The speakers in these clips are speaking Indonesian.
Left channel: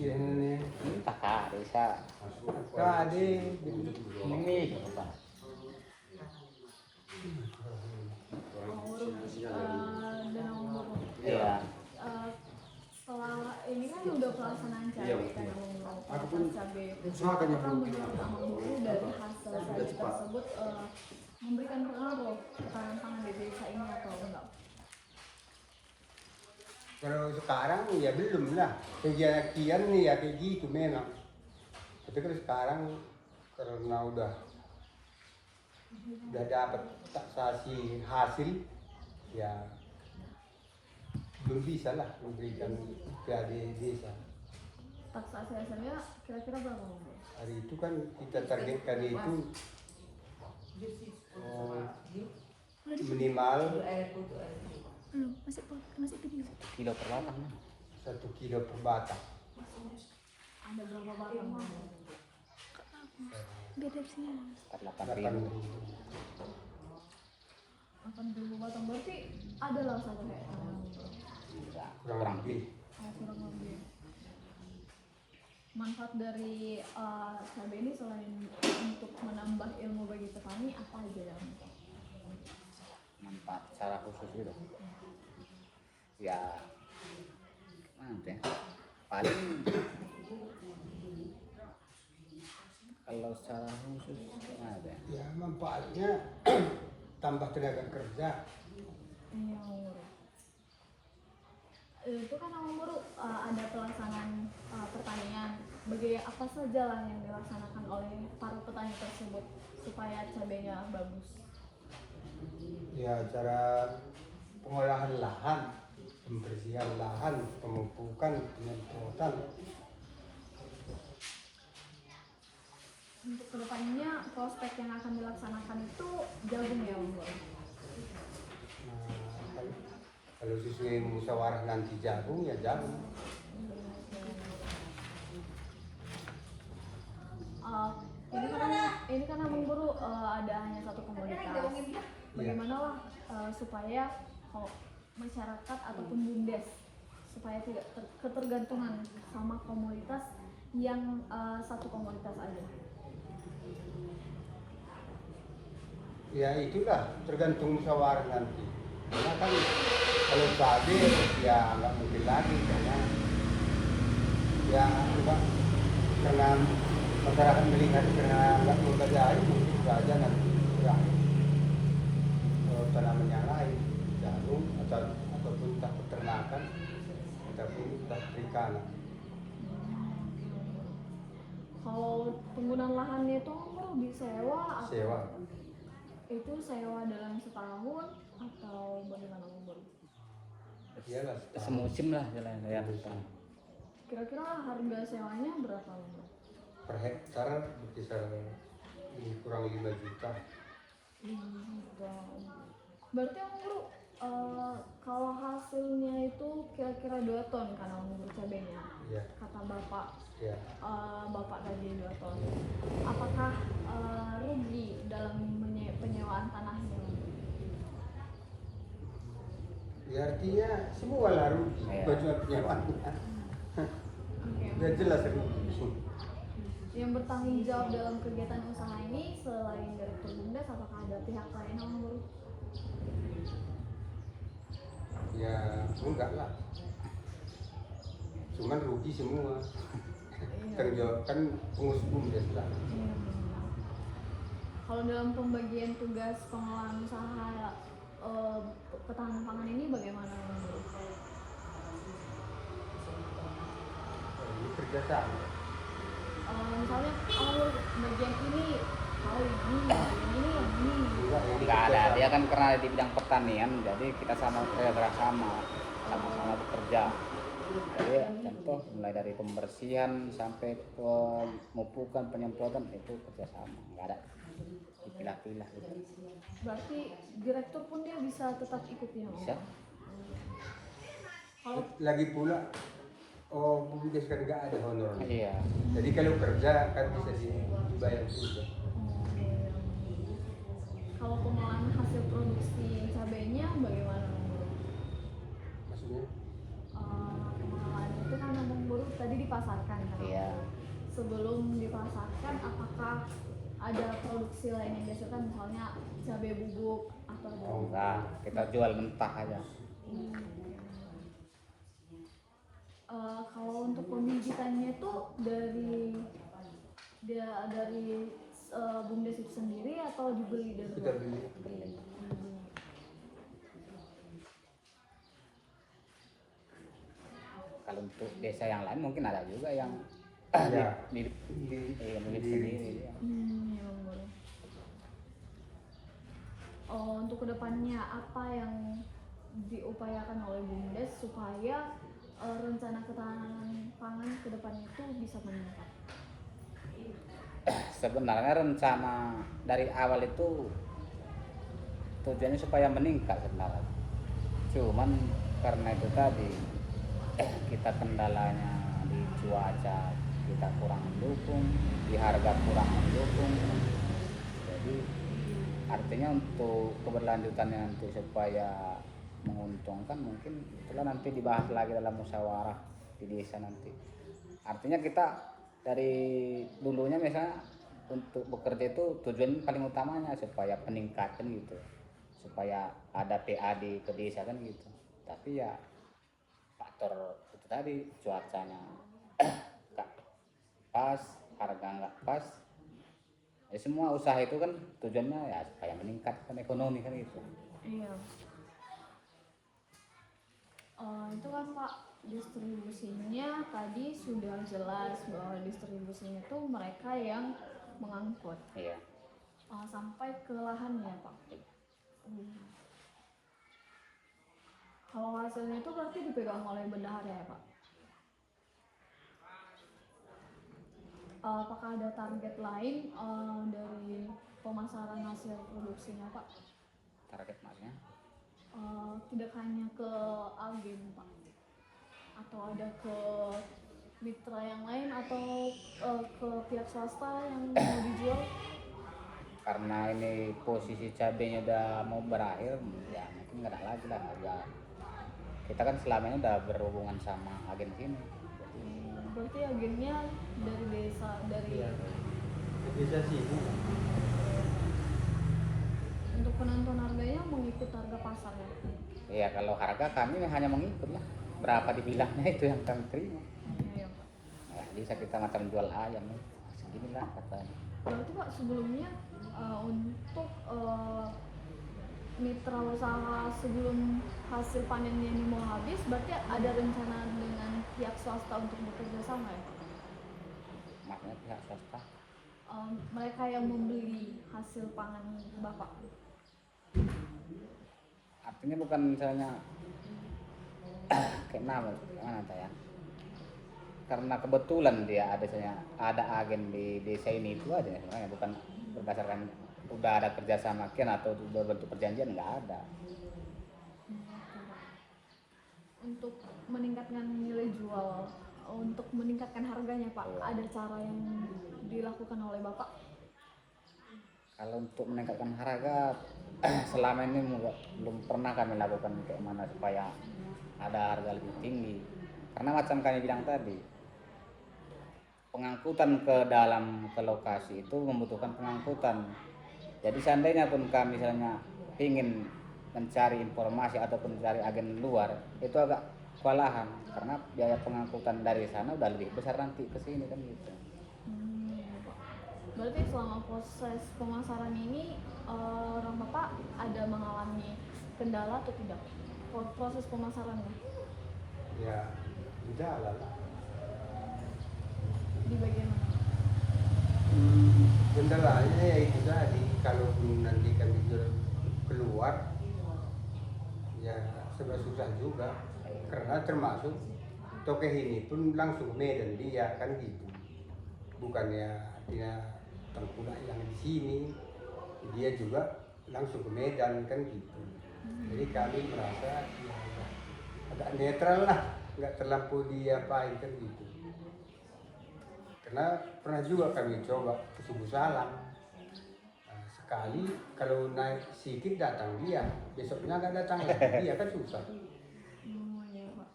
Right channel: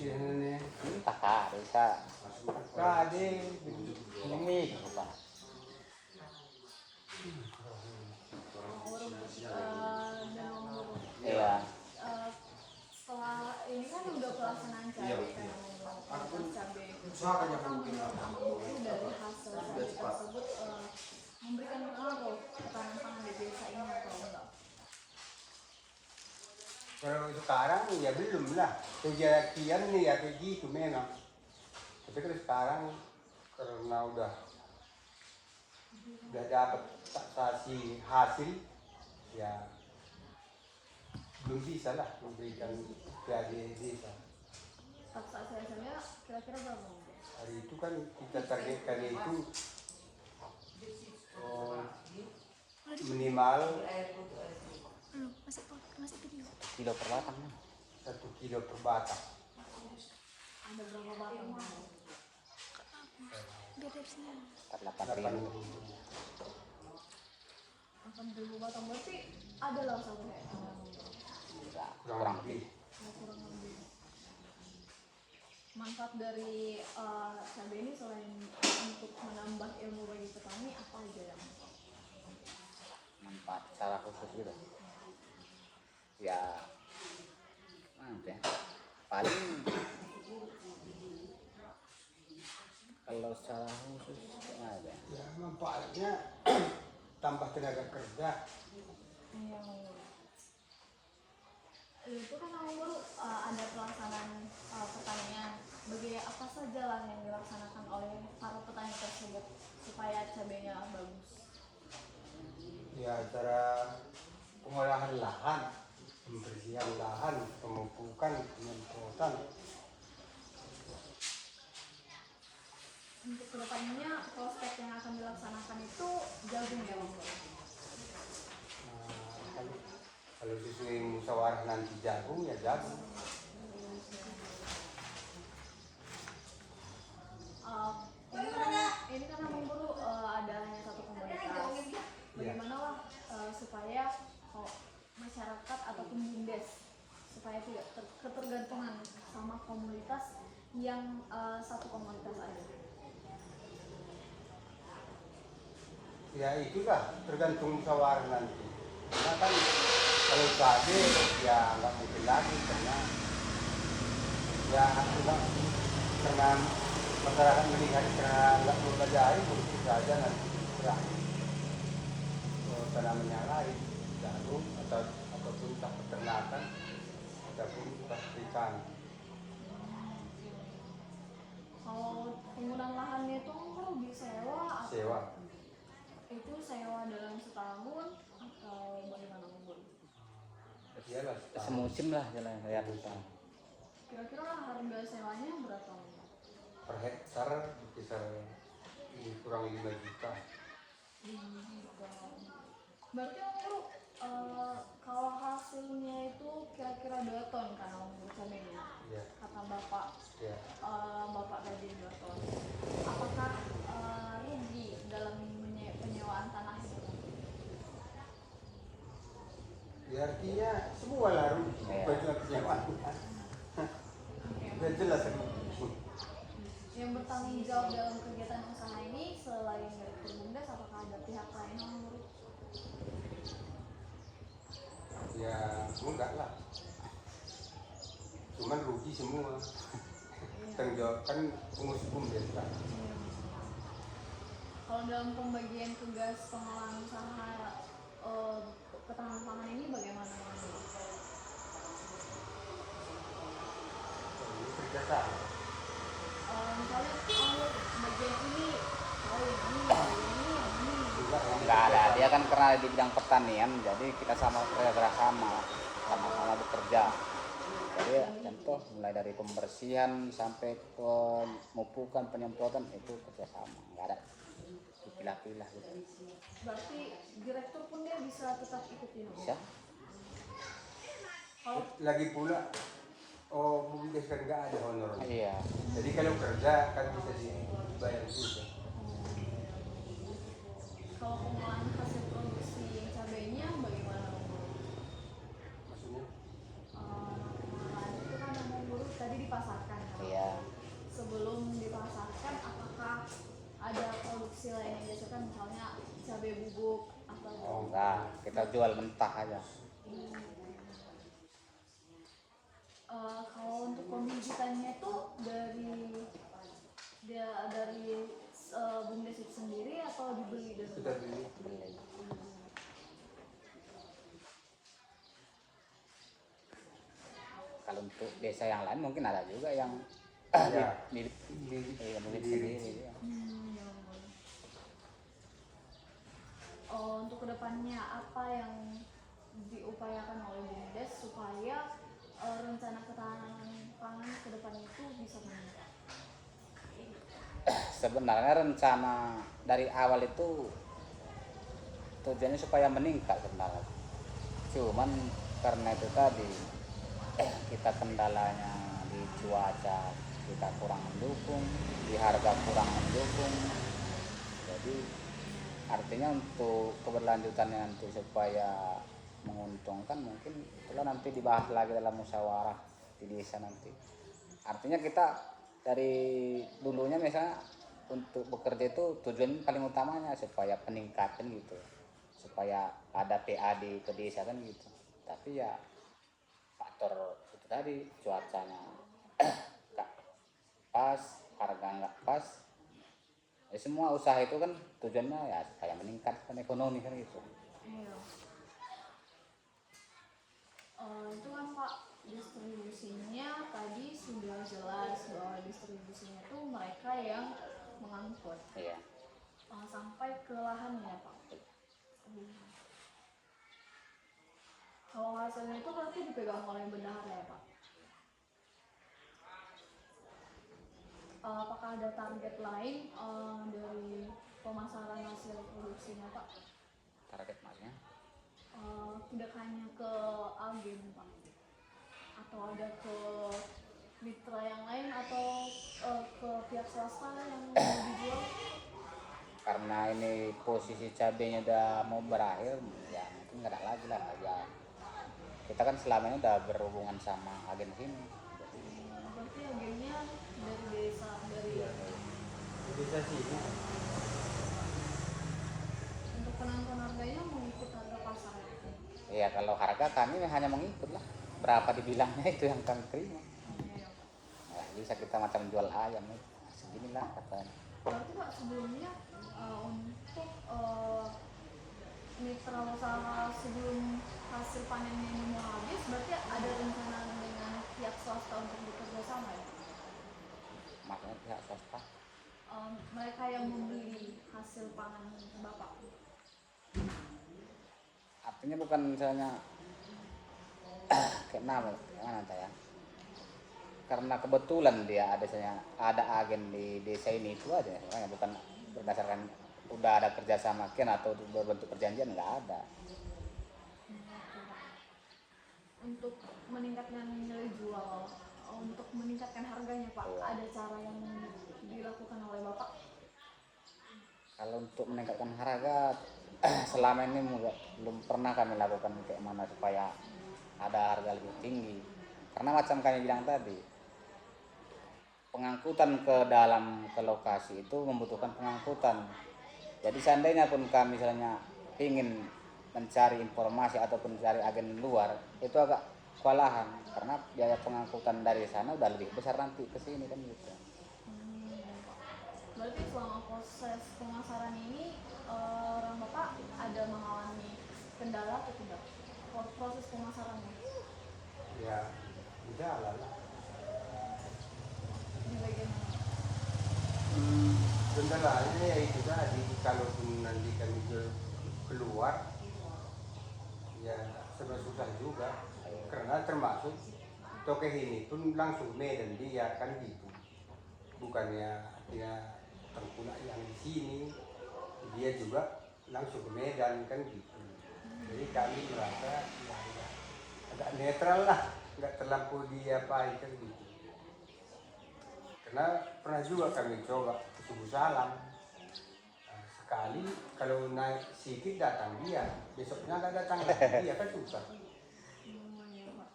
sih ini kakak desa kade ini apa dan umur ya setelah ini kan udah pelaksanaan cabai kan cabai apakah menurut Amang Boru dari hasil cabai tersebut memberikan pengaruh ketahanan pangan di desa ini atau enggak? kalau sekarang ya belum lah kejadian nih ya kayak gitu memang tapi kalau sekarang karena udah dapat taksasi hasil ya belum bisa lah memberikan ke desa. Taksasi hasilnya kira-kira berapa mungkin? Hari itu kan kita targetkan itu minimal masih video. kilo per batang 1 kilo per batang. Ada berapa batang? Biar dari sini. 80.000 batang berarti ada lah 1 hektar. Kurang lebih. Kurang lebih. Manfaat dari cabai ini selain untuk menambah ilmu bagi petani apa aja ya? manfaat secara khusus udah ya ada paling kalau secara khusus ada Ya manfaatnya tambah tenaga kerja. Itu kan Amang Boru ada pelaksanaan pertanian. Bagi apa saja lah yang dilaksanakan oleh para petani tersebut supaya cabainya bagus? Ya cara pengolahan lahan, pembersihan lahan, pemupukan, penyemprotan. Untuk kedepannya prospek yang akan dilaksanakan itu jagung ya Amang Boru? Nah, kalau sesuai musyawarah nanti jagung ya jagung. Ini kan Amang Boru ada hanya satu komoditas. Bagaimana lah supaya masyarakat ataupun BUMDes supaya tidak ketergantungan sama komoditas yang satu komoditas aja. Ya itulah tergantung musyawarah nanti. Karena kan kalau cabai ya nggak mungkin lagi karena ya enggak karena masyarakat melihat karena nggak mempercayai mungkin saja nanti berakhir tanaman yang lain jagung ataupun tak peternakan ataupun tak perikanan. Kalau penggunaan lahannya itu perlu disewa atau Sewa. itu sewa dalam setahun atau bagaimana Amang Boru? Iyalah semusim lah jalan ya Kira-kira harga sewanya berapa Amang Boru? per hektar berkisar kurang 5 juta. Berarti Amang Boru kalau hasilnya itu kira-kira 2 ton kan Amang Boru cabainya? Ya. Kata Bapak. Ya. Bapak gaji 2 ton. Apakah rugi dalam penyewaan tanahnya? Ya artinya semua lah rugi bagian penyewaannya. Udah jelas rugi. Yang bertanggung jawab dalam kegiatan usaha ini selain Direktur BUMDes, apakah ada pihak lain Amang Boru? Ya enggak lah. Cuman rugi semua. Tanggung jawab kan pengurus BUMDes lah. Kalau dalam pembagian tugas pengelolaan usaha ketahanan pangan ini bagaimana Amang Boru? Ini kerjasama. Misalnya bagian ini, ini. Enggak, ini nggak ada kerjasama. dia kan karena di bidang pertanian jadi kita sama-sama bekerja jadi contoh mulai dari pembersihan sampai pemupukan penyemprotan itu kerjasama nggak ada dipilah-pilah gitu. Berarti direktur pun dia bisa tetap ikutin ya? Bisa. Kalau Lagi pula BUMDes kan nggak ada honornya. Iya. Jadi kalau kerja kan bisa dibayar juga. kalau pengolahan hasil produksi cabainya bagaimana Amang Boru? Maksudnya? Pengolahan itu kan Amang Boru tadi di dipasarkan kan? Iya. Sebelum dipasarkan, apakah ada produksi lain yang dihasilkan, misalnya cabai bubuk atau ada? Oh, Enggak, kita jual mentah aja. Kalau untuk pembibitannya itu dari BUMDes itu sendiri atau dibeli dari kita luar? beli. Beli. Kalau untuk desa yang lain mungkin ada juga yang Iya. mirip Beli mirip sendiri. sendiri. Ya. Ya Allah. Untuk kedepannya apa yang diupayakan oleh BUMDes supaya rencana ketahanan pangan ke depan itu bisa meningkat? Sebenarnya rencana dari awal itu tujuannya supaya meningkat sebenarnya. Cuman karena itu tadi kita kendalanya di cuaca kita kurang mendukung, di harga kurang mendukung. Jadi artinya untuk keberlanjutannya untuk supaya menguntungkan mungkin itulah nanti dibahas lagi dalam musyawarah di desa nanti. Artinya kita dari dulunya misalnya untuk bekerja itu tujuan paling utamanya supaya peningkatan gitu, supaya ada PAD ke desa kan gitu. Tapi ya faktor itu tadi cuacanya nggak pas, harga nggak pas, ya semua usaha itu kan tujuannya ya supaya meningkatkan ekonomi kan gitu. Iya. Itu kan Pak, distribusinya tadi sudah jelas bahwa distribusinya itu mereka yang mengangkut Iya. sampai ke lahan ya Pak. Kalau hasilnya itu berarti dipegang oleh bendahara ya Pak. Apakah ada target lain dari pemasaran hasil produksinya Pak? Target maksudnya Tidak hanya ke agen Pak, atau ada ke mitra yang lain atau ke pihak swasta yang mau dijual? karena ini posisi cabenya udah mau berakhir ya mungkin nggak ada lagi lah ya. Kita kan selama ini udah berhubungan sama agen sini. Berarti agennya dari desa, dari Iya. Bisa sih. untuk penentuan harganya mengikut harga pasar ya. Ya kalau harga kami hanya mengikut lah berapa dibilangnya itu yang kami terima. Iya. Ya, bisa kita macam jual ayam nih segini lah katanya. Berarti Pak sebelumnya untuk mitra usaha sebelum hasil panennya ini mau habis, berarti ada rencana dengan pihak swasta untuk bekerja sama ya? Makanya pihak swasta Mereka yang membeli hasil pangan Bapak. artinya bukan misalnya kayak nama ya karena kebetulan dia ada agen di desa ini itu aja sebenarnya bukan berdasarkan udah ada kerjasama kian atau udah bentuk perjanjian nggak ada. Untuk meningkatkan nilai jual, untuk meningkatkan harganya Pak, Iya. ada cara yang dilakukan oleh Bapak? Kalau untuk meningkatkan harga selama ini belum pernah kami lakukan kayak mana supaya ada harga lebih tinggi karena macam kami bilang tadi pengangkutan ke lokasi itu membutuhkan pengangkutan. Jadi seandainya pun kami misalnya ingin mencari informasi ataupun mencari agen luar itu agak kewalahan karena biaya pengangkutan dari sana udah lebih besar nanti ke sini kan gitu. Berarti selama proses pemasaran ini orang Bapak ada mengalami kendala atau tidak? Proses pemasarannya Ya, udah lah. di bagian mana? Kendalanya ya itu tadi, kalaupun nanti kami jual keluar, ya serba susah juga. Karena termasuk tokeh ini pun langsung Medan dia kan gitu. Bukannya artinya tengkulak yang di sini, dia juga langsung ke Medan kan gitu. Jadi kami merasa ya agak netral lah, nggak terlampau diapain kan gitu. Karena pernah juga kami coba ke Suku Salam. Nah, sekali kalau naik sedikit datang dia, besoknya nggak datang lagi dia kan susah. Ya, Pak.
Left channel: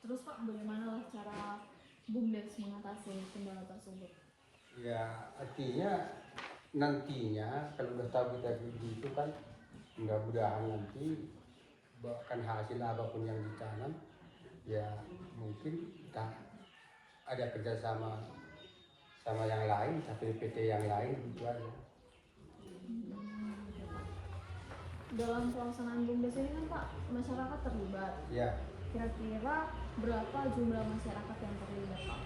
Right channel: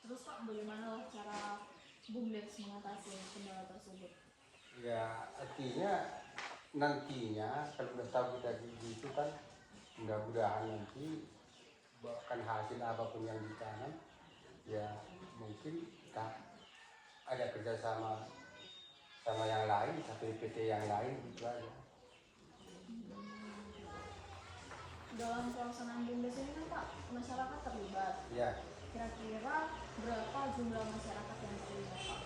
Terus Pak, bagaimana cara BUMDes mengatasi kendala tersebut? Ya artinya nantinya kalau udah tahu kita gitu kan, mudah-mudahan nanti bahkan hasil apapun yang ditanam ya mungkin kita ada kerjasama sama yang lain, tapi PT yang lain gitu aja. Dalam pelaksanaan BUMDes ini kan Pak, masyarakat terlibat. Ya, Kira-kira berapa jumlah masyarakat yang terlibat Pak?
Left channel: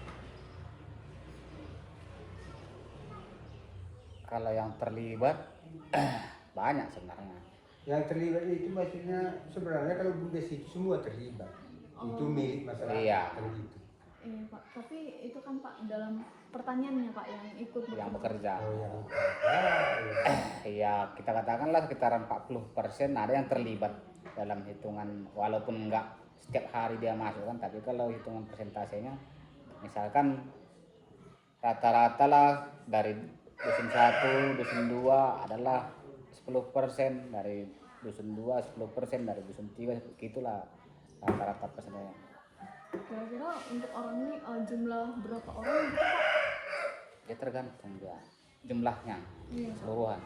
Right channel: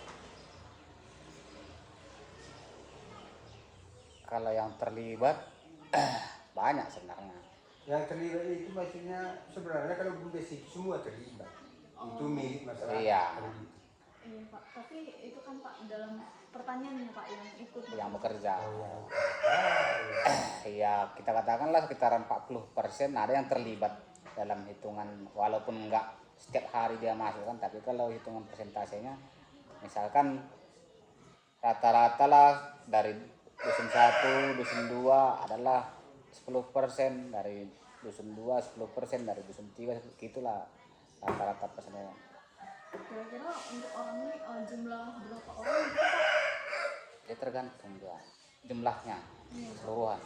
Kalau yang terlibat banyak sebenarnya. yang terlibat itu maksudnya sebenarnya kalau BUMDes itu semua terlibat. Itu milik masyarakat. Iya. kan gitu. Iya Pak, tapi itu kan Pak dalam pertaniannya Pak yang ikut Yang bekerja. Oh ya. Ya kita katakanlah sekitar 40% ada yang terlibat dalam hitungan, walaupun enggak setiap hari dia masuk kan, tapi kalau hitungan persentasenya misalkan rata-rata lah dari dusun 1, dusun 2 adalah 10%, dari dusun 2 10%, dari dusun 3 gitulah rata-rata persennya. Kira-kira untuk orang ini jumlah berapa orang gitu Pak? Dia tergantung dia jumlahnya Iya. keseluruhan.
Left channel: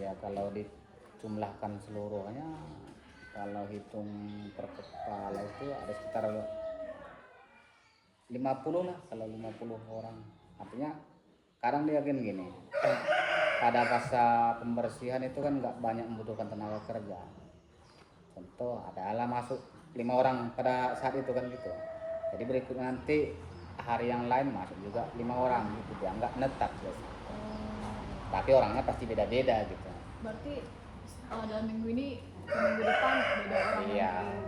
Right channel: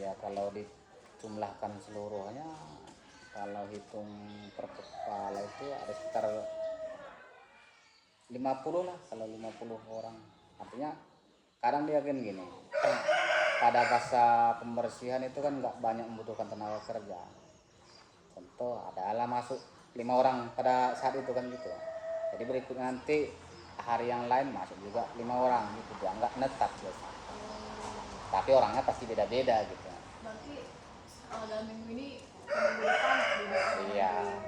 Ya kalau dijumlahkan seluruhnya, kalau hitung per kepala itu ada sekitar 50 lah, kalau 50 orang. Artinya kadang dia gini, pada fase pembersihan itu kan nggak banyak membutuhkan tenaga kerja. Contoh adalah masuk 5 orang pada saat itu kan gitu. Jadi berikut nanti hari yang lain masuk juga 5 orang gitu, dia nggak netap gitu. Tapi orangnya pasti beda-beda gitu. Berarti dalam minggu ini ke minggu depan beda orang Iya. lagi.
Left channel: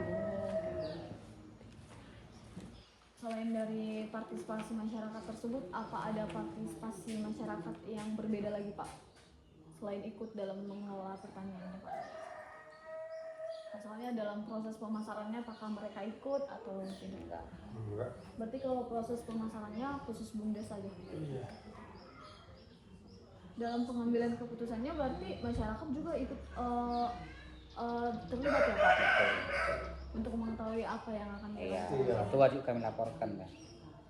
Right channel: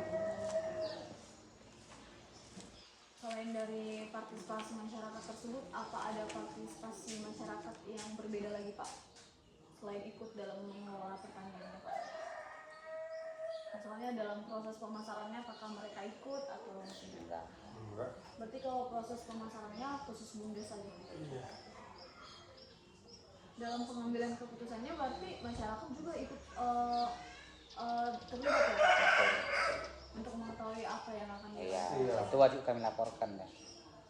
Selain dari partisipasi masyarakat tersebut, apa ada partisipasi masyarakat yang berbeda lagi Pak? Selain ikut dalam mengelola pertanian Pak? Misalnya dalam proses pemasarannya apakah mereka ikut atau tidak? Enggak. Berarti kalau proses pemasarannya khusus BUMDes saja. Iya. Dalam pengambilan keputusannya berarti masyarakat juga ikut terlibat ya Pak? Untuk mengetahui apa yang akan Iya, dilakukan. itu wajib kami laporkan ya.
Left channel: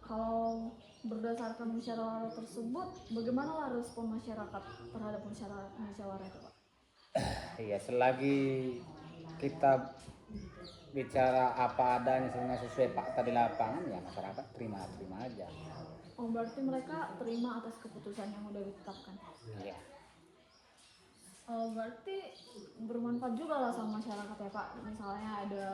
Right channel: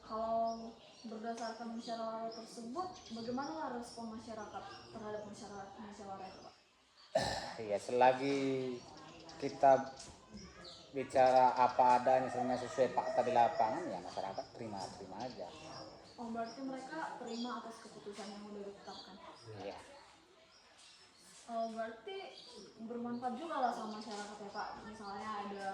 Kalau berdasarkan musyawarah tersebut, bagaimana respon masyarakat terhadap musyawarah itu Pak? Iya, selagi kita bicara apa adanya misalnya sesuai fakta di lapangan, ya masyarakat terima aja. Oh berarti mereka terima atas keputusan yang sudah ditetapkan. Iya. Berarti bermanfaat juga lah sama masyarakat ya Pak. Misalnya ada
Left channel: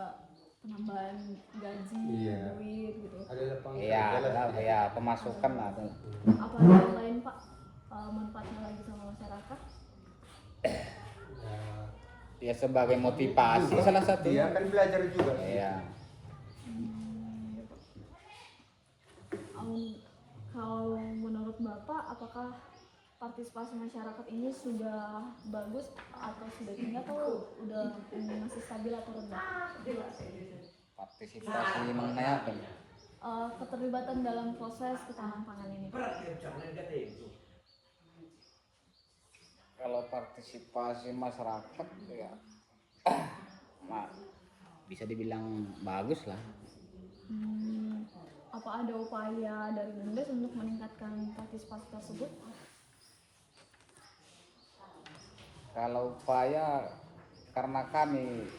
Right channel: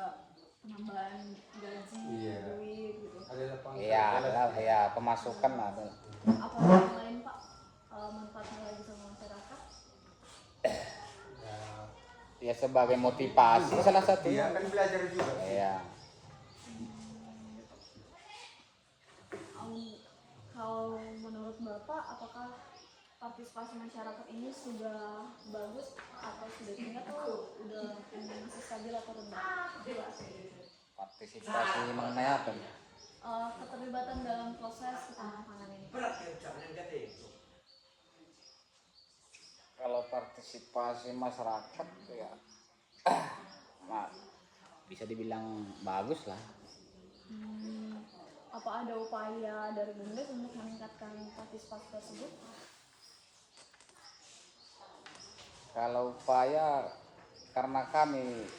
penambahan gaji, Iya. duit gitu. Ada lapangan Iya, kerja lah. ada ya pemasukan lah tuh. Apa yang lain Pak manfaatnya lagi sama masyarakat? Ya, Ya sebagai motivasi salah satu. dia kan belajar juga. Iya. Kalau menurut Bapak, apakah partisipasi masyarakat ini sudah bagus atau sudah tinggi atau udah masih stabil atau rendah? Partisipasi mengenai apa nih? Keterlibatan dalam proses ketahanan pangan ini. Kalau partisipasi masyarakat ya bisa dibilang bagus lah. Apa ada upaya dari BUMDes untuk meningkatkan partisipasi tersebut? Kalau upaya, karena kami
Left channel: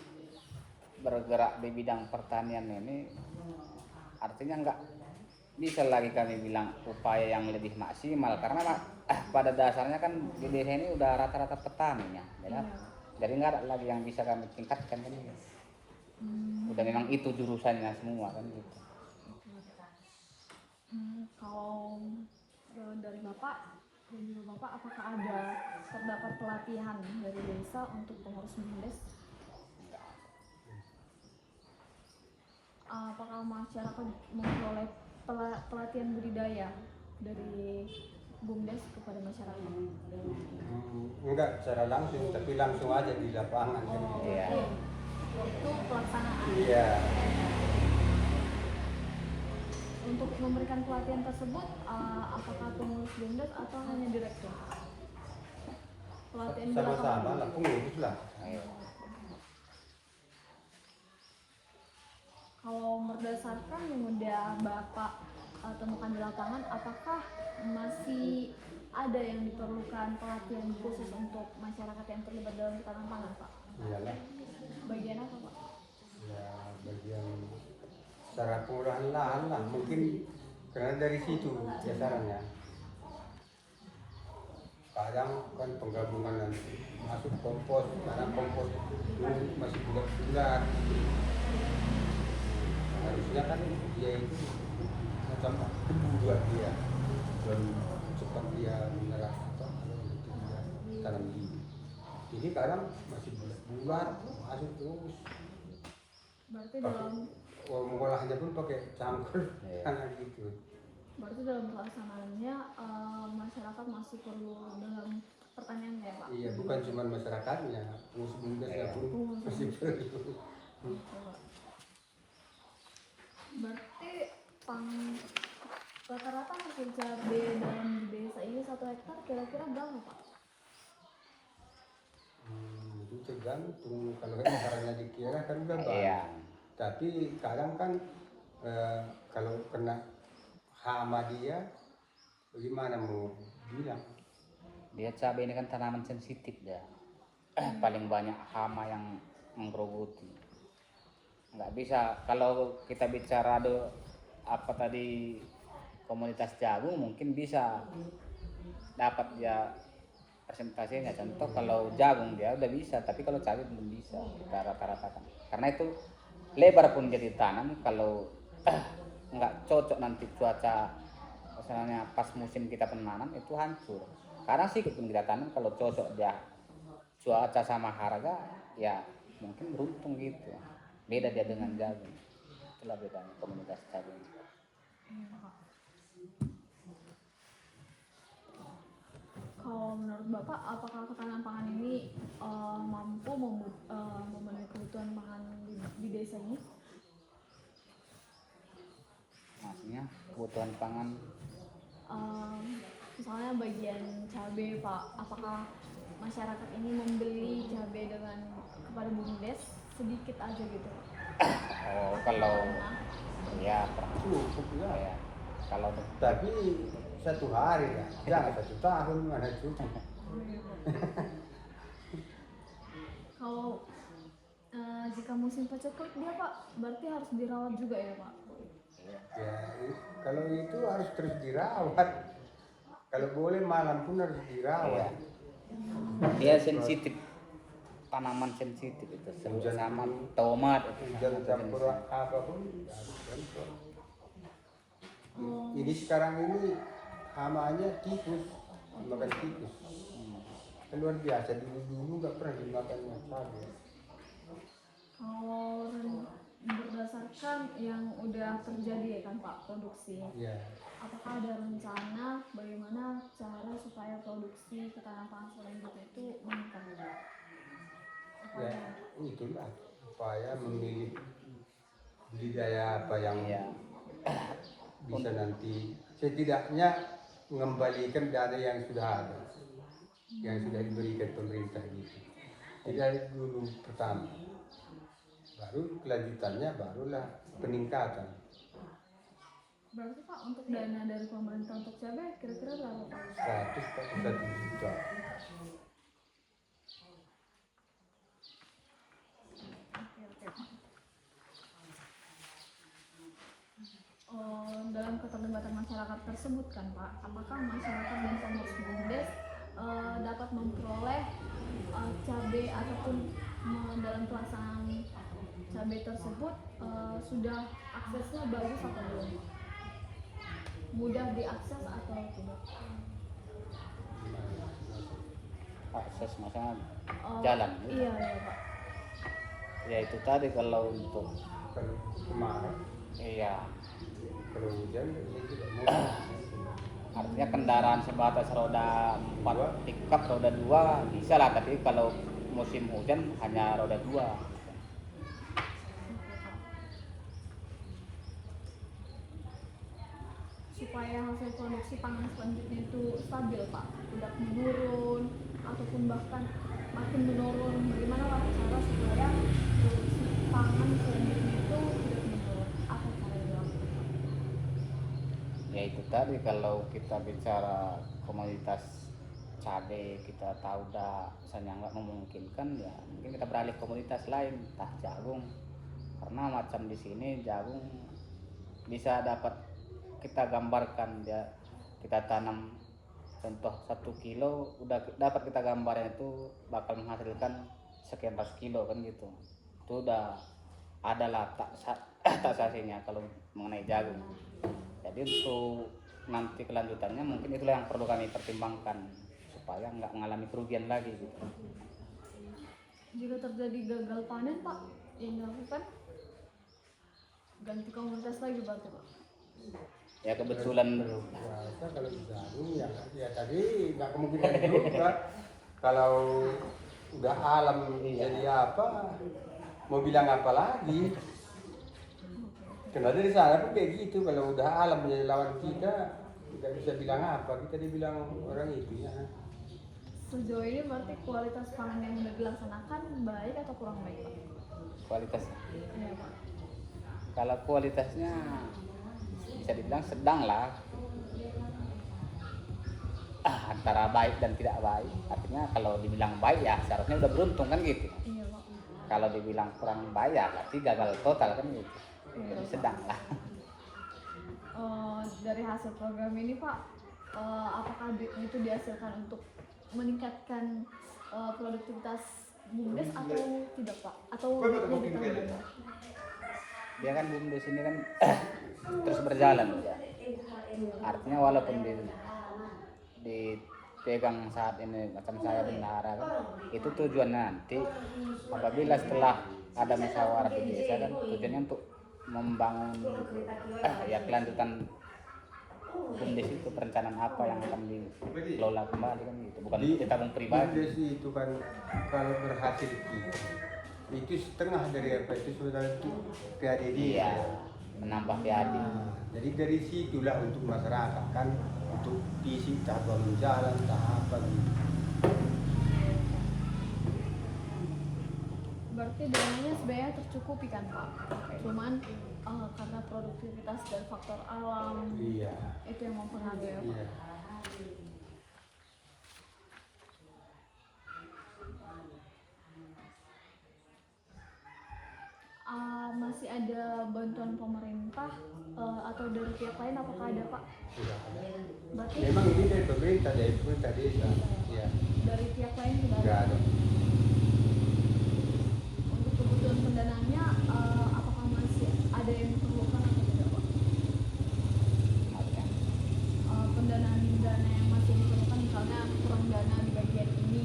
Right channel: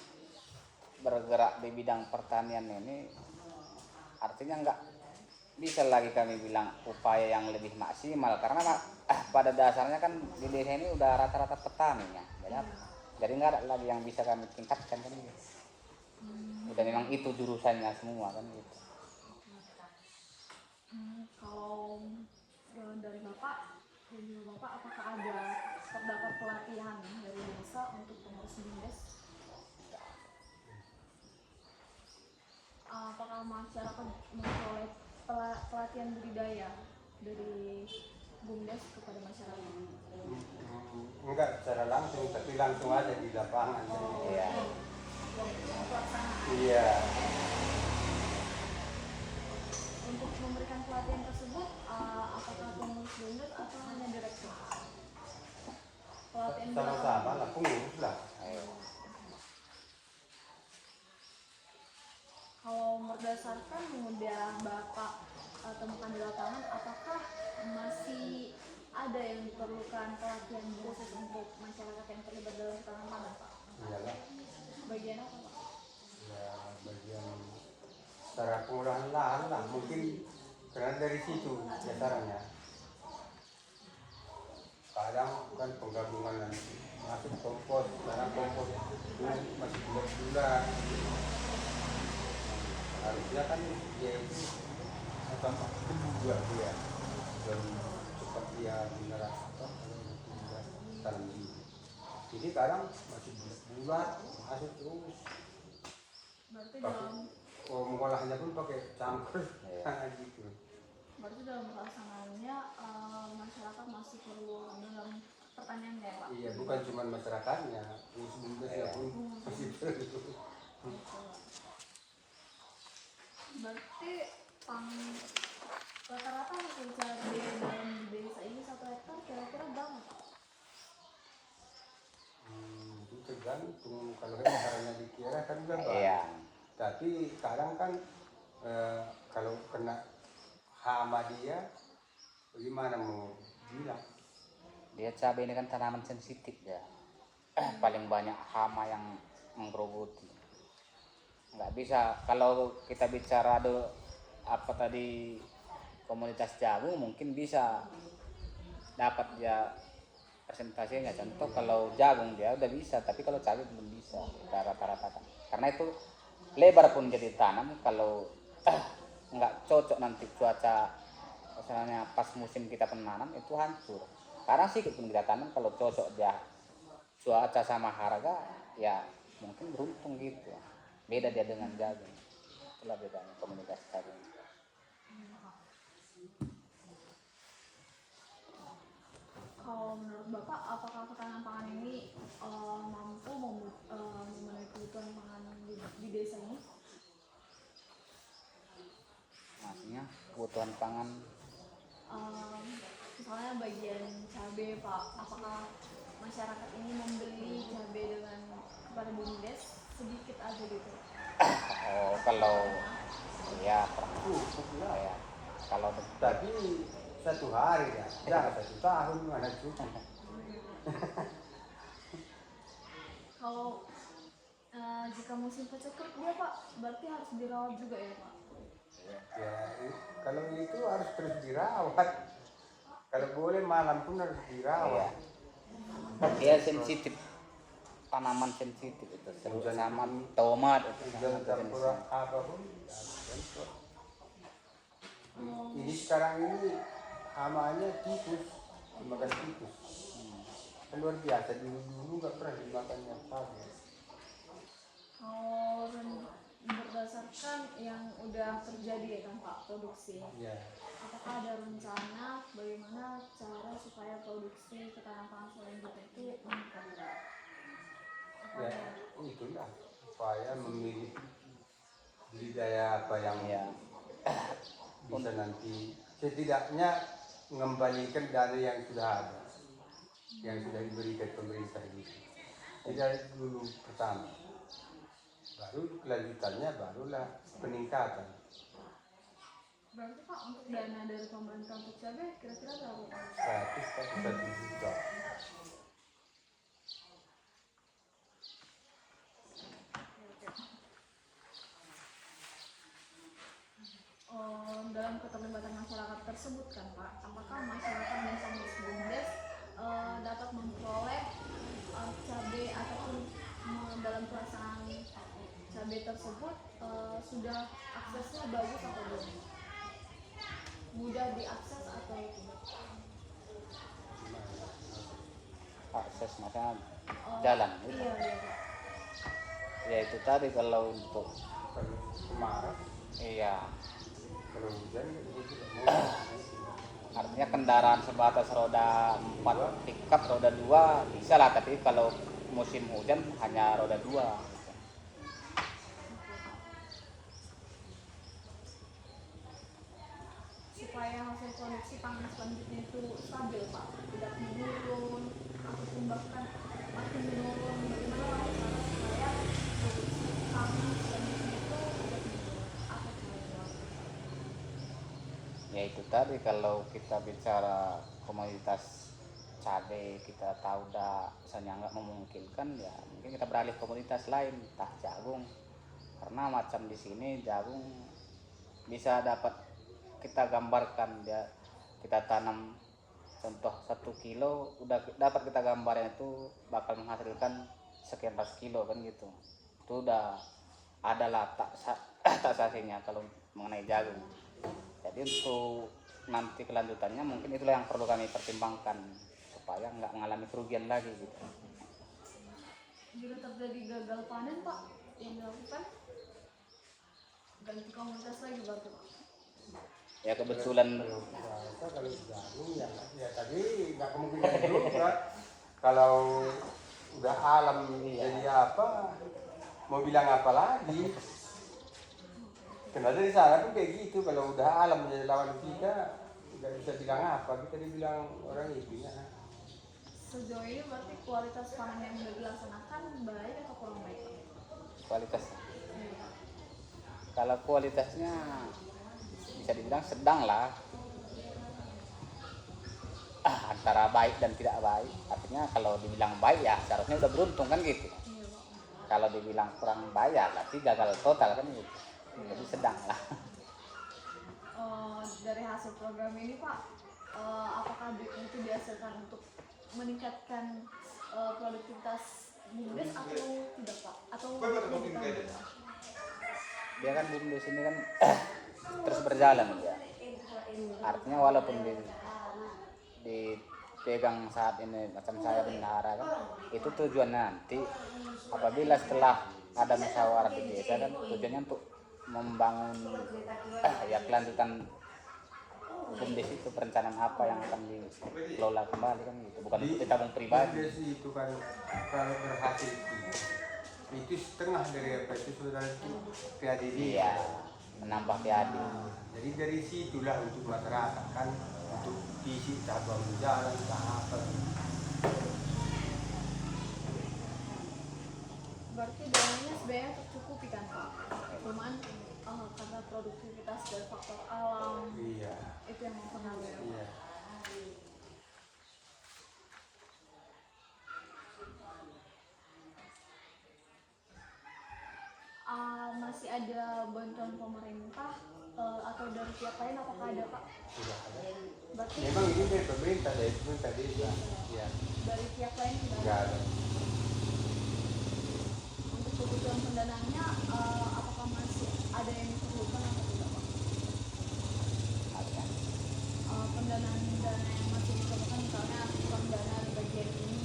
bergerak di bidang pertanian ini, artinya nggak bisa lagi kami bilang upaya yang lebih maksimal, karena pada dasarnya kan di desa ini udah rata-rata petani ya, jadi nggak ada lagi yang bisa kami tingkatkan kan gitu. Udah memang itu jurusannya semua kan gitu. Kalau dari Bapak dan juga Bapak, apakah terdapat pelatihan dari desa untuk pengurus BUMDes? Apakah masyarakat memperoleh pelatihan budidaya dari BUMDes kepada masyarakat? Enggak secara langsung, tapi langsung aja di lapangan kan gitu. Itu pelaksanaan. Iya. Untuk memberikan pelatihan tersebut, apakah pengurus BUMDes atau hanya direktur? Pelatihan Sama-sama lah, pengurus lah. Kalau berdasarkan yang udah Bapak temukan di lapangan, apakah masih ada yang diperlukan pelatihan khusus untuk masyarakat yang terlibat dalam ketahanan pangan, Pak? Iyalah, Bagian apa, Pak? ya bagian cara pengolahan lahan lah, mungkin karena dari situ dasarnya. Kadang kan penggabungan nanti masuk kompos, karena kompos itu masih bulat-bulat. Harusnya kan dia itu macam kedua dia dan cepat dia menyerap apa kalau nanti dia tanam biji. Ini kadang masih bulat-bulat masuk terus. Berarti dalam Mengolahnya pun pakai cangkul Iya. kayak gitu. Berarti dalam pelaksanaannya masyarakat masih perlu dalam pertanian ya, Pak? Iya, bukan cuma masyarakatnya, pengurus-pengurusnya pun masih perlu. Berarti rata-rata hasil cabai dalam desa ini 1 hektar kira-kira berapa, Pak? Itu tergantung, kalau hektarnya dikira kan udah banyak. Iya. Tapi kadang kan kalau kena hama dia, bagaimana mau bilang? Dia cabai ini kan tanaman sensitif dia. Paling banyak hama yang menggerogoti. Nggak bisa kalau kita bicara apa tadi komunitas jagung mungkin bisa dapat dia presentasinya. Contoh kalau jagung dia udah bisa, tapi kalau cabai belum bisa rata-rata kan. Karena itu lebar pun jadi tanam kalau nggak cocok nanti cuaca misalnya pas musim kita penanam itu hancur. Karena sedikit pun kita tanam kalau cocok dia cuaca sama harga ya mungkin beruntung gitu. Beda dia dengan jagung. Itulah bedanya komunitas jagung. Kalau menurut Bapak, apakah ketahanan pangan ini mampu memenuhi kebutuhan pangan di desa ini? Maksudnya kebutuhan pangan Misalnya bagian cabai, Pak, apakah masyarakat ini membeli cabai kepada BUMDes sedikit aja gitu? kalau ya Cukup lah. ya kalau Tapi 1 hari ya, jangan 1 tahun mana cukup. Kalau jika musim paceklik dia, Pak, berarti harus dirawat juga ya, Pak? Ya, kalau itu harus terus dirawat. Kalau boleh malam pun harus dirawat. dia sensitif, tanaman sensitif itu Hujan tanaman tomat itu Hujan campur apapun harus campur. Ini sekarang ini hamanya tikus, dimakan tikus. Luar biasa, dulu nggak pernah dimakannya cabai. Kalau berdasarkan yang udah terjadi ya kan, Pak, produksi, Ya, apakah ada rencana bagaimana cara supaya produksi ketahanan pangan selanjutnya itu meningkat? ya itulah upaya memilih budidaya apa yang bisa nanti setidaknya mengembalikan dana yang sudah ada, yang sudah diberikan pemerintah ini. Tidak dulu pertama, baru kelanjutannya barulah peningkatan. Berarti, Pak, untuk dana dari pemerintah untuk cabai kira-kira berapa, Pak? 1 juta. Dalam keterlibatan masyarakat tersebut kan, Pak, apakah masyarakat dan pengurus BUMDes dapat memperoleh cabai ataupun dalam pelaksanaan cabai tersebut sudah aksesnya bagus atau belum? Mudah diakses atau tidak? akses misalnya Oh, jalan gitu. Iya, iya, Pak. Ya itu tadi kalau untuk Kalau kemarau, iya kalau hujan jadi tidak mau. artinya kendaraan sebatas roda 4 pickup roda 2 bisa lah, tapi kalau musim hujan hanya roda 2. Oke, Pak. Supaya hasil produksi pangan selanjutnya itu stabil, Pak, tidak menurun ataupun bahkan makin menurun, bagaimana cara supaya produksi pangan selanjutnya itu tidak menurun? Ya itu tadi, kalau kita bicara komoditas cabai kita tahu dah misalnya nggak memungkinkan, ya mungkin kita beralih ke komoditas lain, entah jagung. Karena macam di sini jagung bisa dapat kita gambarkan, dia kita tanam contoh 1 kilo udah dapat kita gambarnya itu bakal menghasilkan sekian ratus kilo kan gitu. Itu udah adalah taksasinya kalau mengenai jagung. Jadi untuk nanti kelanjutannya mungkin itulah yang perlu kami pertimbangkan supaya nggak mengalami kerugian lagi gitu. Jika terjadi gagal panen Pak, yang dilakukan ganti komunitas lagi berarti Pak. Ya kebetulan Kalau jagung ya tadi nggak kemungkinan juga. Kalau udah alam jadi apa, mau bilang apa lagi? Karena dari sana pun kayak gitu, kalau udah alam menjadi lawan kita, tidak bisa bilang apa, kita dibilang orang itu ya. Sejauh ini berarti kualitas panen yang sudah dilaksanakan baik atau kurang baik Pak? kualitas, Iya Pak. kalau kualitasnya bisa dibilang sedang lah, antara baik dan tidak baik. Artinya kalau dibilang baik ya seharusnya udah beruntung kan gitu. Iya Pak. Kalau dibilang kurang baik ya berarti gagal total kan gitu. Iya. Jadi sedang lah. Dari hasil program ini Pak, apakah itu dihasilkan untuk meningkatkan produktivitas BUMDes atau tidak Pak? Atau lebih tambah? Dia kan BUMDes ini kan terus berjalan ya. Artinya walaupun dipegang saat ini macam saya bendahara kan, itu tujuannya nanti apabila setelah ada musyawarah di desa kan tujuannya untuk membangun ya kelanjutan BUMDes itu, perencanaan apa yang akan dikelola kembali kan gitu, bukan untuk tabung pribadi. BUMDes itu kan kalau berhasil itu setengah dari apa itu sebenarnya itu PADD. Iya, menambah PAD. Jadi dari situlah untuk masyarakat kan, untuk isi tahap jalan tahap apa gitu. Berarti dananya sebenarnya tercukupi kan Pak? Cuman karena produktivitas dan faktor alam Iya. itu yang mempengaruhi ya, Pak? Iya. Masih ada bantuan pemerintah atau dari pihak lain, apakah ada Pak? Sudah ada. Berarti Memang ini dari pemerintah desa. Iya. dari pihak lain nggak Enggak ada. ada. Untuk kebutuhan pendanaannya apakah masih ada yang diperlukan atau tidak Pak? Pendanaan dana yang masih diperlukan, misalnya kurang dana di bagian ini,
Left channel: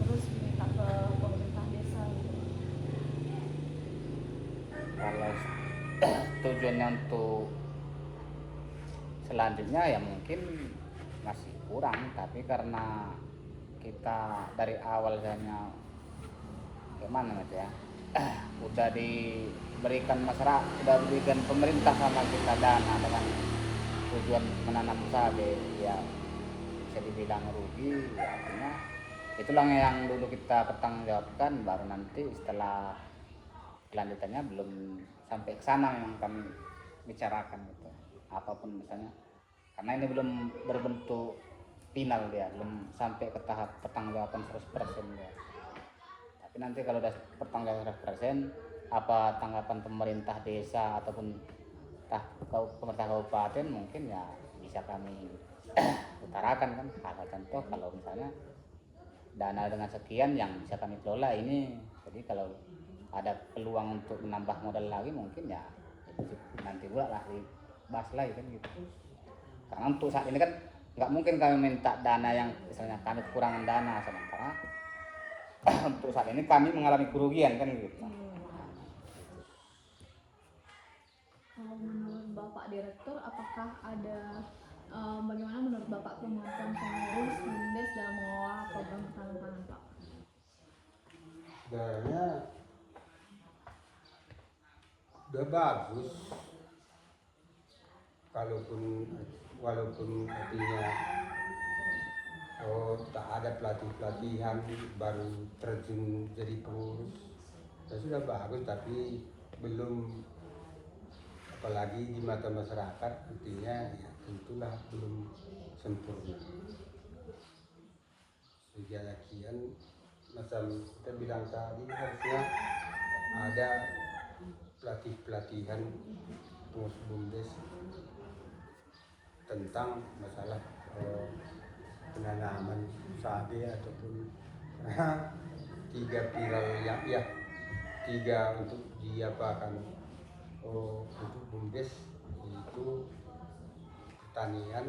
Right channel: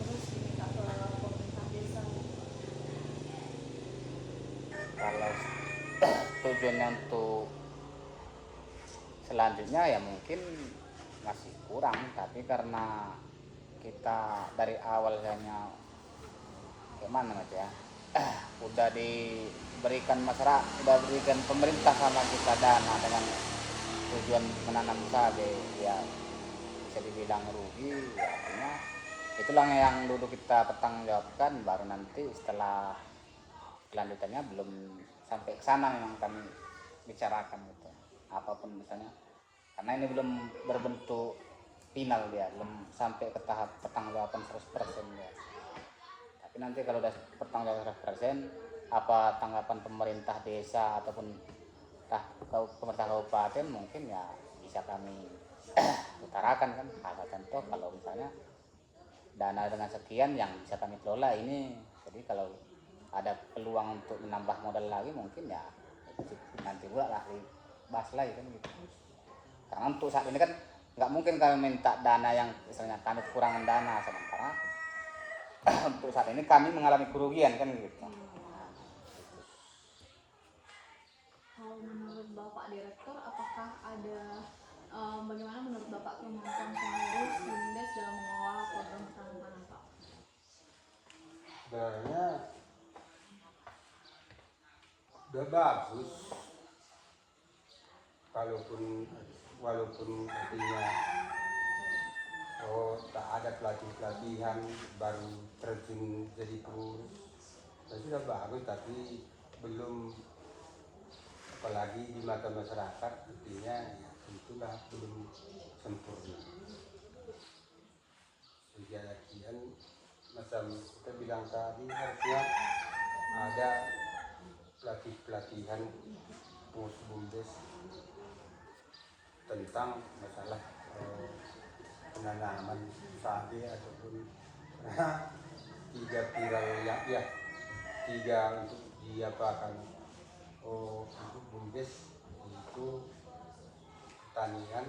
terus minta ke pemerintah desa gitu. Kalau tujuannya untuk selanjutnya ya mungkin masih kurang, tapi karena kita dari awal hanya gimana gitu ya, udah diberikan masyarakat, udah diberikan pemerintah sama kita dana dengan tujuan menanam cabai, ya bisa dibilang rugi, ya artinya itulah yang dulu kita pertanggungjawabkan, baru nanti setelah kelanjutannya belum sampai ke sana yang kami bicarakan gitu, apapun misalnya, karena ini belum berbentuk final, dia belum sampai ke tahap pertanggungjawaban 100% ya. Tapi nanti kalau udah pertanggungjawaban 100%, apa tanggapan pemerintah desa ataupun pemerintah kabupaten mungkin ya bisa kami utarakan kan. Ada contoh kalau misalnya dana dengan sekian yang bisa kami kelola ini, jadi kalau ada peluang untuk menambah modal lagi mungkin ya itu nanti pula lah dibahas lagi kan gitu. Karena untuk saat ini kan nggak mungkin kami minta dana yang misalnya kami kekurangan dana, sementara untuk saat ini kami mengalami kerugian kan gitu. Kalau menurut Bapak Direktur, apakah ada bagaimana menurut Bapak kemampuan pengurus BUMDes dalam mengelola program ketahanan pangan Pak? Sebenarnya udah bagus, walaupun artinya tak ada pelatihan baru terjun jadi pengurus, sudah bagus, tapi belum apalagi di mata masyarakat artinya ya tentulah belum sempurna. Kejadian macam kita bilang tadi harusnya ada pelatihan pengurus BUMDes tentang masalah penanaman sapi ataupun tiga pilar yang ya tiga untuk diapakan untuk BUMDes itu pertanian,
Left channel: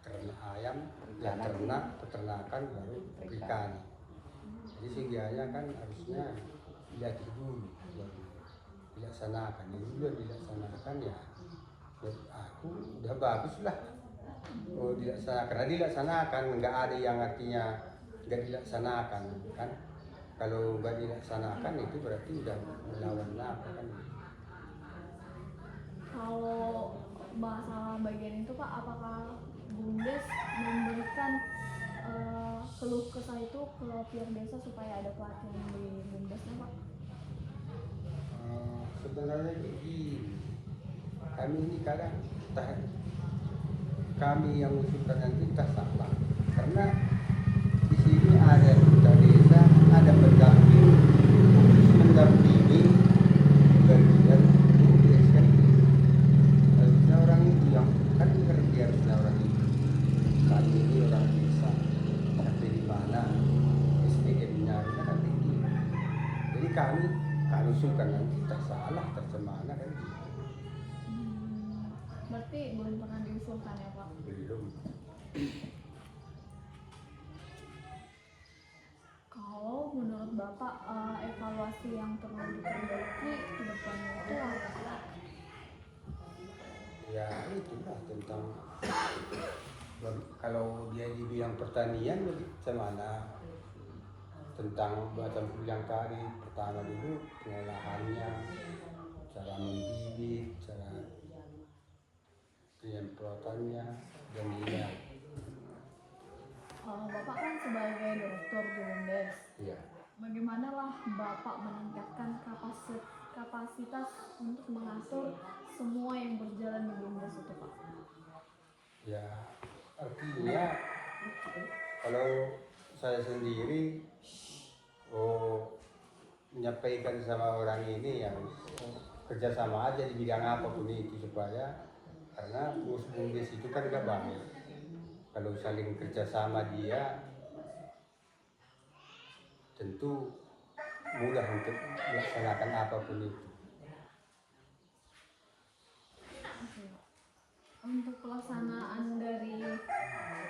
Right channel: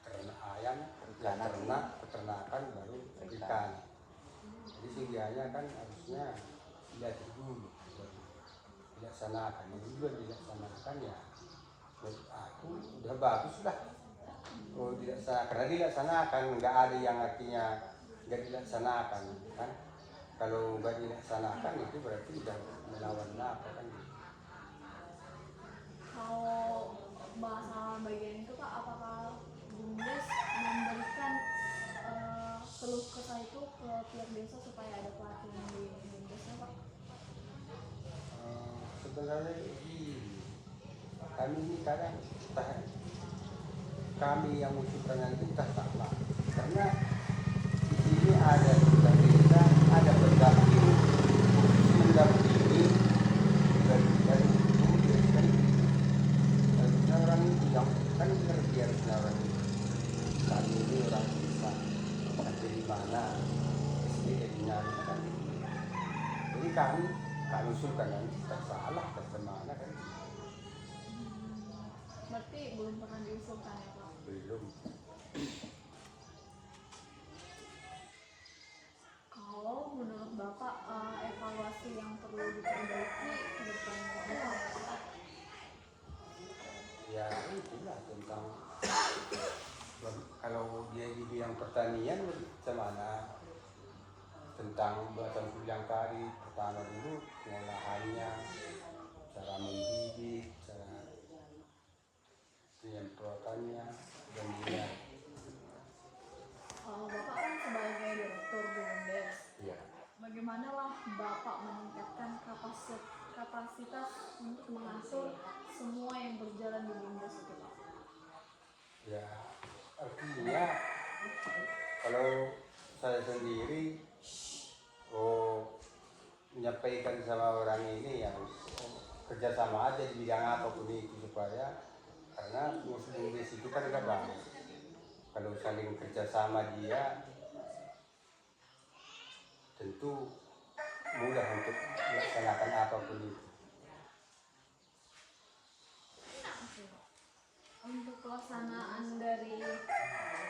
ternak ayam, ya ternak, peternakan baru ikan. Jadi segianya kan harusnya lihat dulu baru dilaksanakan. Ini juga dilaksanakan ya menurut aku udah bagus lah. Dilaksanakan, karena dilaksanakan nggak ada yang artinya nggak dilaksanakan kan. Kalau nggak dilaksanakan itu berarti udah melawan apa kan. Kalau bahasa bagian itu Pak, apakah BUMDes memberikan keluh kesah itu ke tiap desa supaya ada pelatihan di BUMDesnya Pak? Sebenarnya begini, kami ini kadang kami yang usulkan nanti entah salah, karena di sini ada duta desa, ada pendamping mendampingi dan itu kan harusnya orang itu yang kan ngerti harusnya orang itu. Kami ini orang desa, dari mana SDM-nya kan ini. Jadi kami usulkan nanti tak salah, tak semana kan gitu. Berarti belum pernah diusulkan ya Pak? Belum. Kalau menurut Bapak evaluasi yang perlu diperbaiki ke depannya itu apa Pak? Ya itulah tentang kalau dia dibilang pertanian bagaimana tentang macam yang tadi pertama dulu pengolahannya, cara membibit, cara penyemprotannya dan dia. Bapak kan sebagai direktur di BUMDes, Iya. bagaimana lah Bapak meningkatkan kapasitas untuk mengatur semua yang berjalan di BUMDes itu Pak? Ya artinya kalau saya sendiri menyampaikan sama orang ini yang kerjasama aja di bidang apapun itu supaya karena BUMDes itu kan gak banyak. Kalau saling kerjasama dia tentu mudah untuk melaksanakan apapun itu. Untuk pelaksanaan dari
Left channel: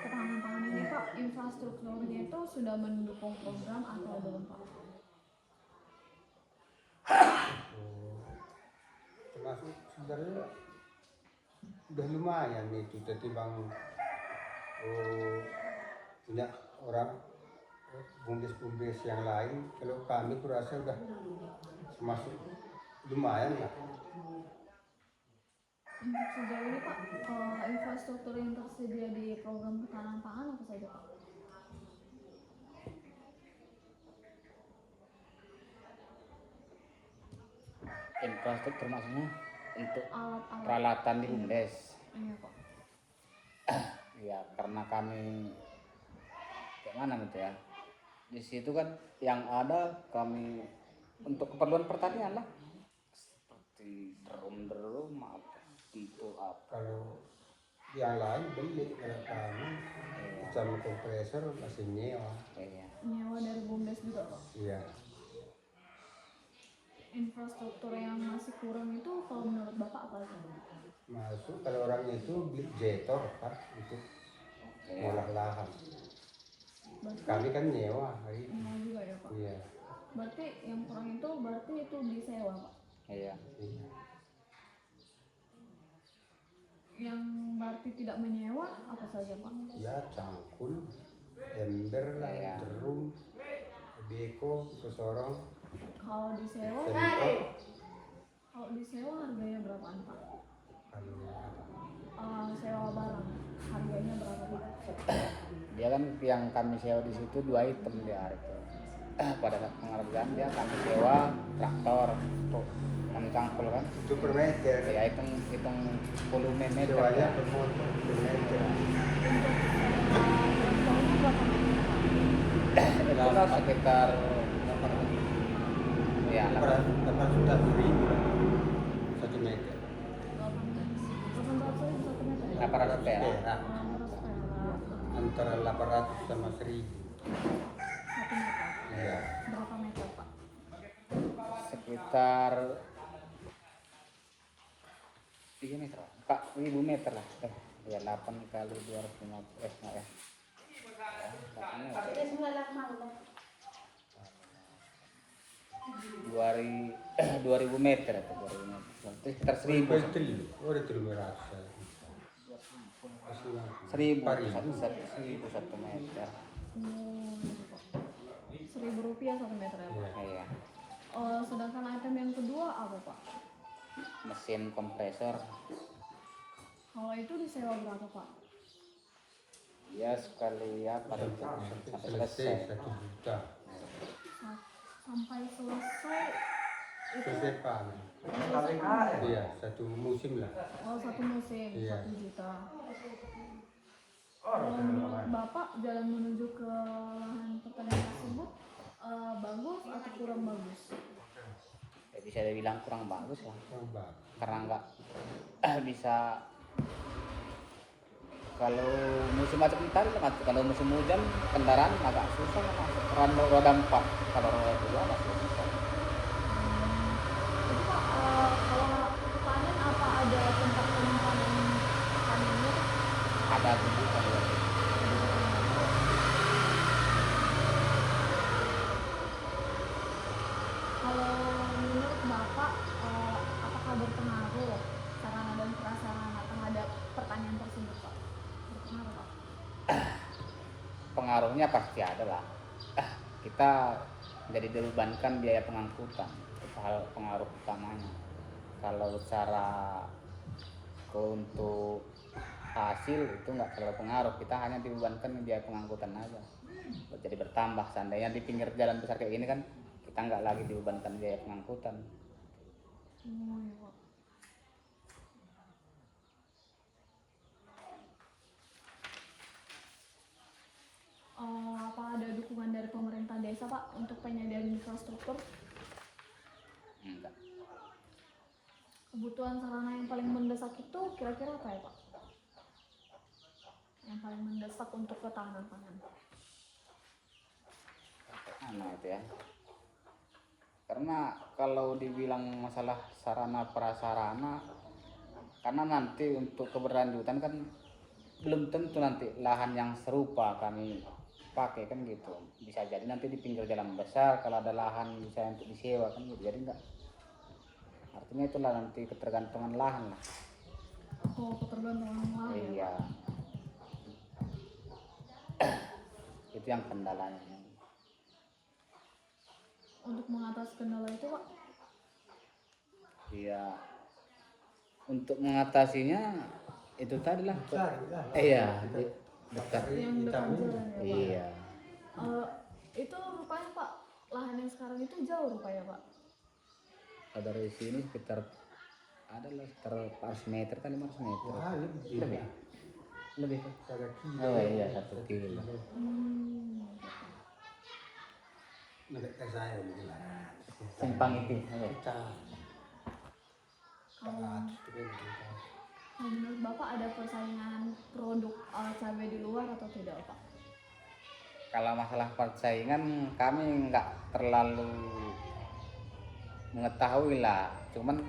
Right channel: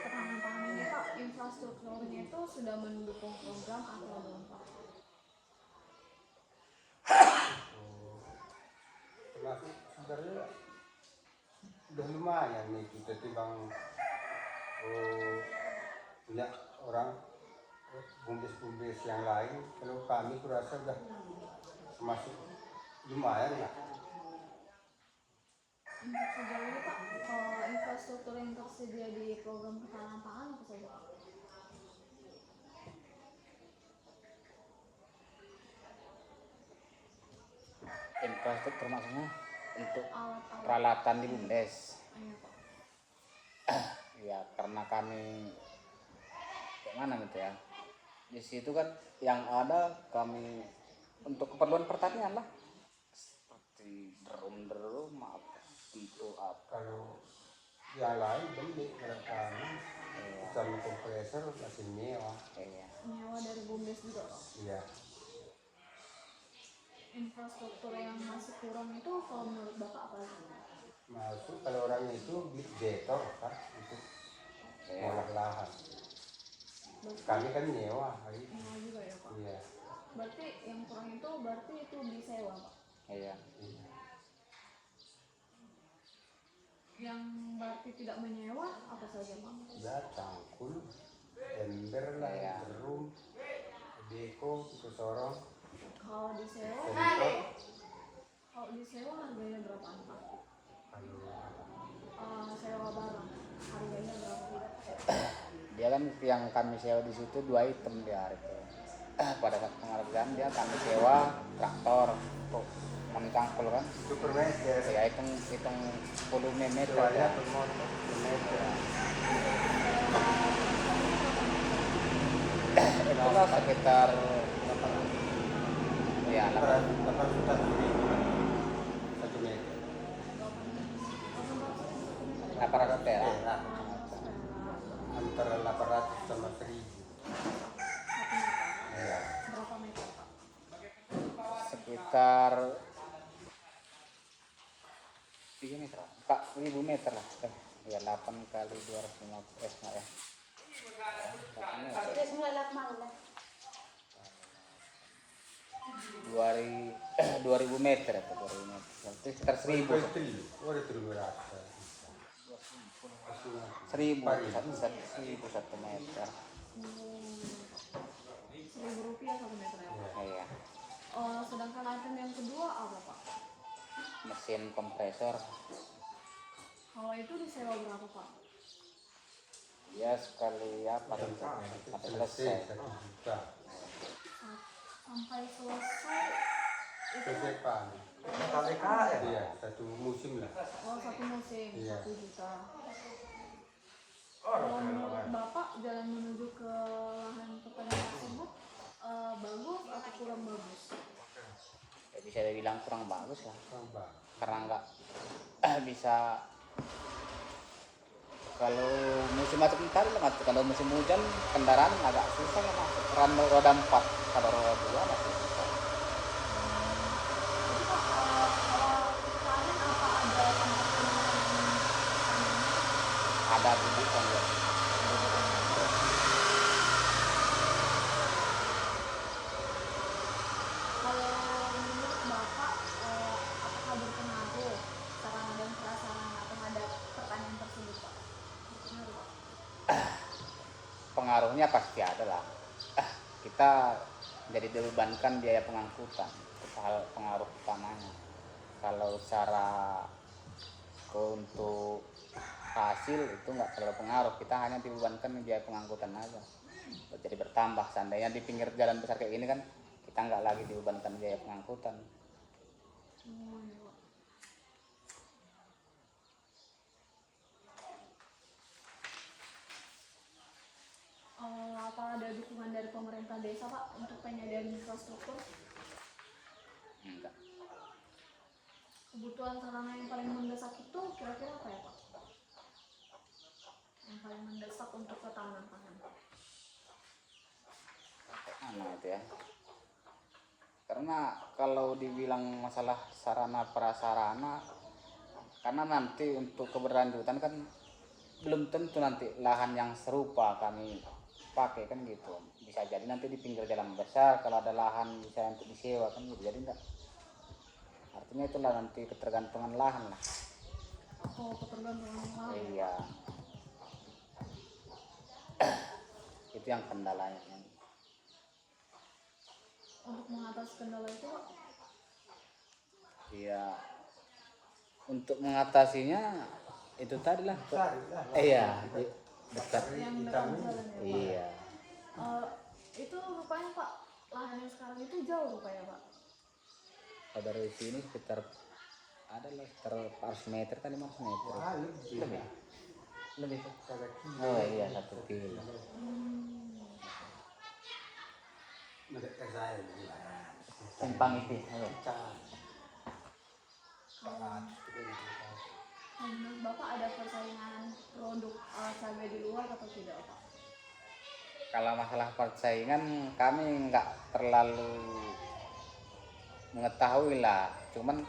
ketahanan pangan ini Pak, infrastrukturnya itu sudah mendukung program atau belum Pak? Termasuk sebenarnya udah lumayan itu ketimbang punya orang BUMDes yang lain. Kalau kami kurasa udah termasuk lumayan lah. Untuk sejauh ini Pak, infrastruktur yang tersedia di program ketahanan pangan apa saja Pak? Infrastruktur maksudnya untuk Alat-alat peralatan di BUMDes. iya Pak. Ya karena kami kayak mana gitu ya, di situ kan yang ada kami untuk keperluan pertanian lah, seperti drum itu apa. Kalau yang lain beli, kalau kami sama kompresor masih nyewa. Iya. Nyewa dari BUMDes juga Pak. Iya. Infrastruktur yang masih kurang itu kalau menurut Bapak apa aja? Masuk kalau orang itu beli betor kan untuk ngolah lahan. Berarti Kami kan nyewa hari itu. nyewa juga ya Pak? Iya. Berarti yang kurang itu berarti itu disewa Pak? Iya. Iya. Yang berarti tidak menyewa apa saja Pak? Ya cangkul, ember lah, Iya. drum, beko, kesorong, Kalau disewa, semprot. kalau disewa harganya berapaan Pak? Kalau Sewa barang harganya berapa Pak? Dia kan yang kami sewa di situ 2 item dia itu. Pada saat penghargaan dia kami sewa traktor kami kangkul kan. Itu per meter. Ya hitung 10 meter. Semuanya per motor per meter. Itulah sekitar 800. ya 800 ribu lah. 1 meter. 800 perak. Perak. Antara 800 sama 1000. 1 meter. Ya. Berapa meter Pak? Sekitar 3 meter, 4.000 meter lah. Ya 8 kali 250 ya. 2000 meter atau 2000 meter. Berarti sekitar 1000. Udah 300. 1000 Pari. 1 meter. Rp1.000 1 meter ya Pak? Iya. Oh, iya. Sedangkan item yang kedua apa Pak? Mesin kompresor Kalau itu disewa berapa Pak? ya sekali apa Sampai sampai selesai selesai 1 juta. Sampai selesai itu Selesai panen. Iya, 1 musim lah. 1 musim Iya. 1 juta. Kalau menurut Bapak jalan menuju ke lahan pertanian tersebut bagus atau kurang bagus? ya, bisa dibilang kurang bagus ya Tambah. karena nggak bisa kalau musim macet ntar kalau musim hujan kendaraan agak susah ya masuk roda 4 kalau roda 2 masih bisa. Jadi Pak kalau panen apa ada tempat panen panennya Pak? Ada tunjukkan ya. Kalau menurut Bapak apakah berpengaruh sarana dan prasarana terhadap pertanian tersebut Pak? Berpengaruh Pak? Pengaruhnya pasti ada lah. Kita jadi dibebankan biaya pengangkutan itu hal pengaruh utamanya. Kalau cara untuk hasil itu nggak terlalu pengaruh, kita hanya dibebankan biaya pengangkutan aja jadi bertambah. Seandainya di pinggir jalan besar kayak gini kan kita nggak lagi dibebankan biaya pengangkutan. Iya, Pak. Apa ada dukungan dari pemerintah desa Pak untuk penyediaan infrastruktur? Enggak. Kebutuhan sarana yang paling mendesak itu kira-kira apa ya Pak? Yang paling mendesak untuk ketahanan pangan? Itu ya. Karena kalau dibilang masalah sarana prasarana, karena nanti untuk keberlanjutan kan belum tentu nanti lahan yang serupa kami pakai kan gitu. Bisa jadi nanti di pinggir jalan besar kalau ada lahan bisa untuk disewa kan gitu. Jadi enggak. Artinya itulah nanti ketergantungan lahan lah. Oh, ketergantungan lahan. Iya. Itu yang kendalanya. Untuk mengatasi kendala itu Pak? Iya. Untuk mengatasinya itu tadi lah. Cari lah. Iya. Besar Yang dekat jalan ya Pak? Iya. Itu rupanya Pak, lahan yang sekarang itu jauh rupanya Pak? Kalau dari sini sekitar ada lah sekitar 400 meter kan 500 meter. Wah, lebih. Lebih. Kagak kilo. Oh iya 1 kilo. Mereka saya ini. Simpang itu. Ayo. Kita. Kalau menurut Bapak ada persaingan produk cabai di luar atau tidak Pak? Kalau masalah persaingan kami nggak terlalu mengetahui lah. Cuman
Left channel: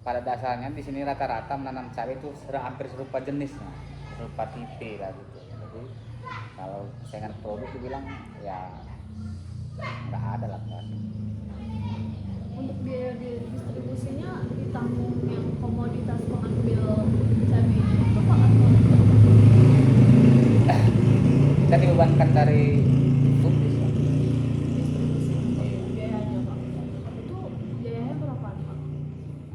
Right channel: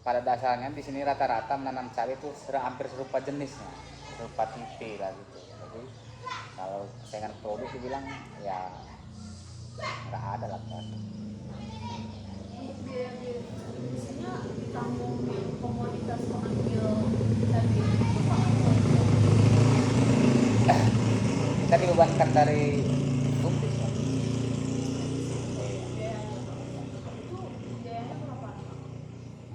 pada dasarnya di sini rata-rata menanam cabai itu hampir serupa jenisnya, serupa tipe lah gitu. Jadi kalau persaingan produk dibilang ya nggak ada lah kan. Untuk biaya distribusinya ditanggung yang komoditas pengambil cabai itu Pak? Kita dibebankan dari tumpis kan. Biayanya Pak? Itu biayanya berapa Pak?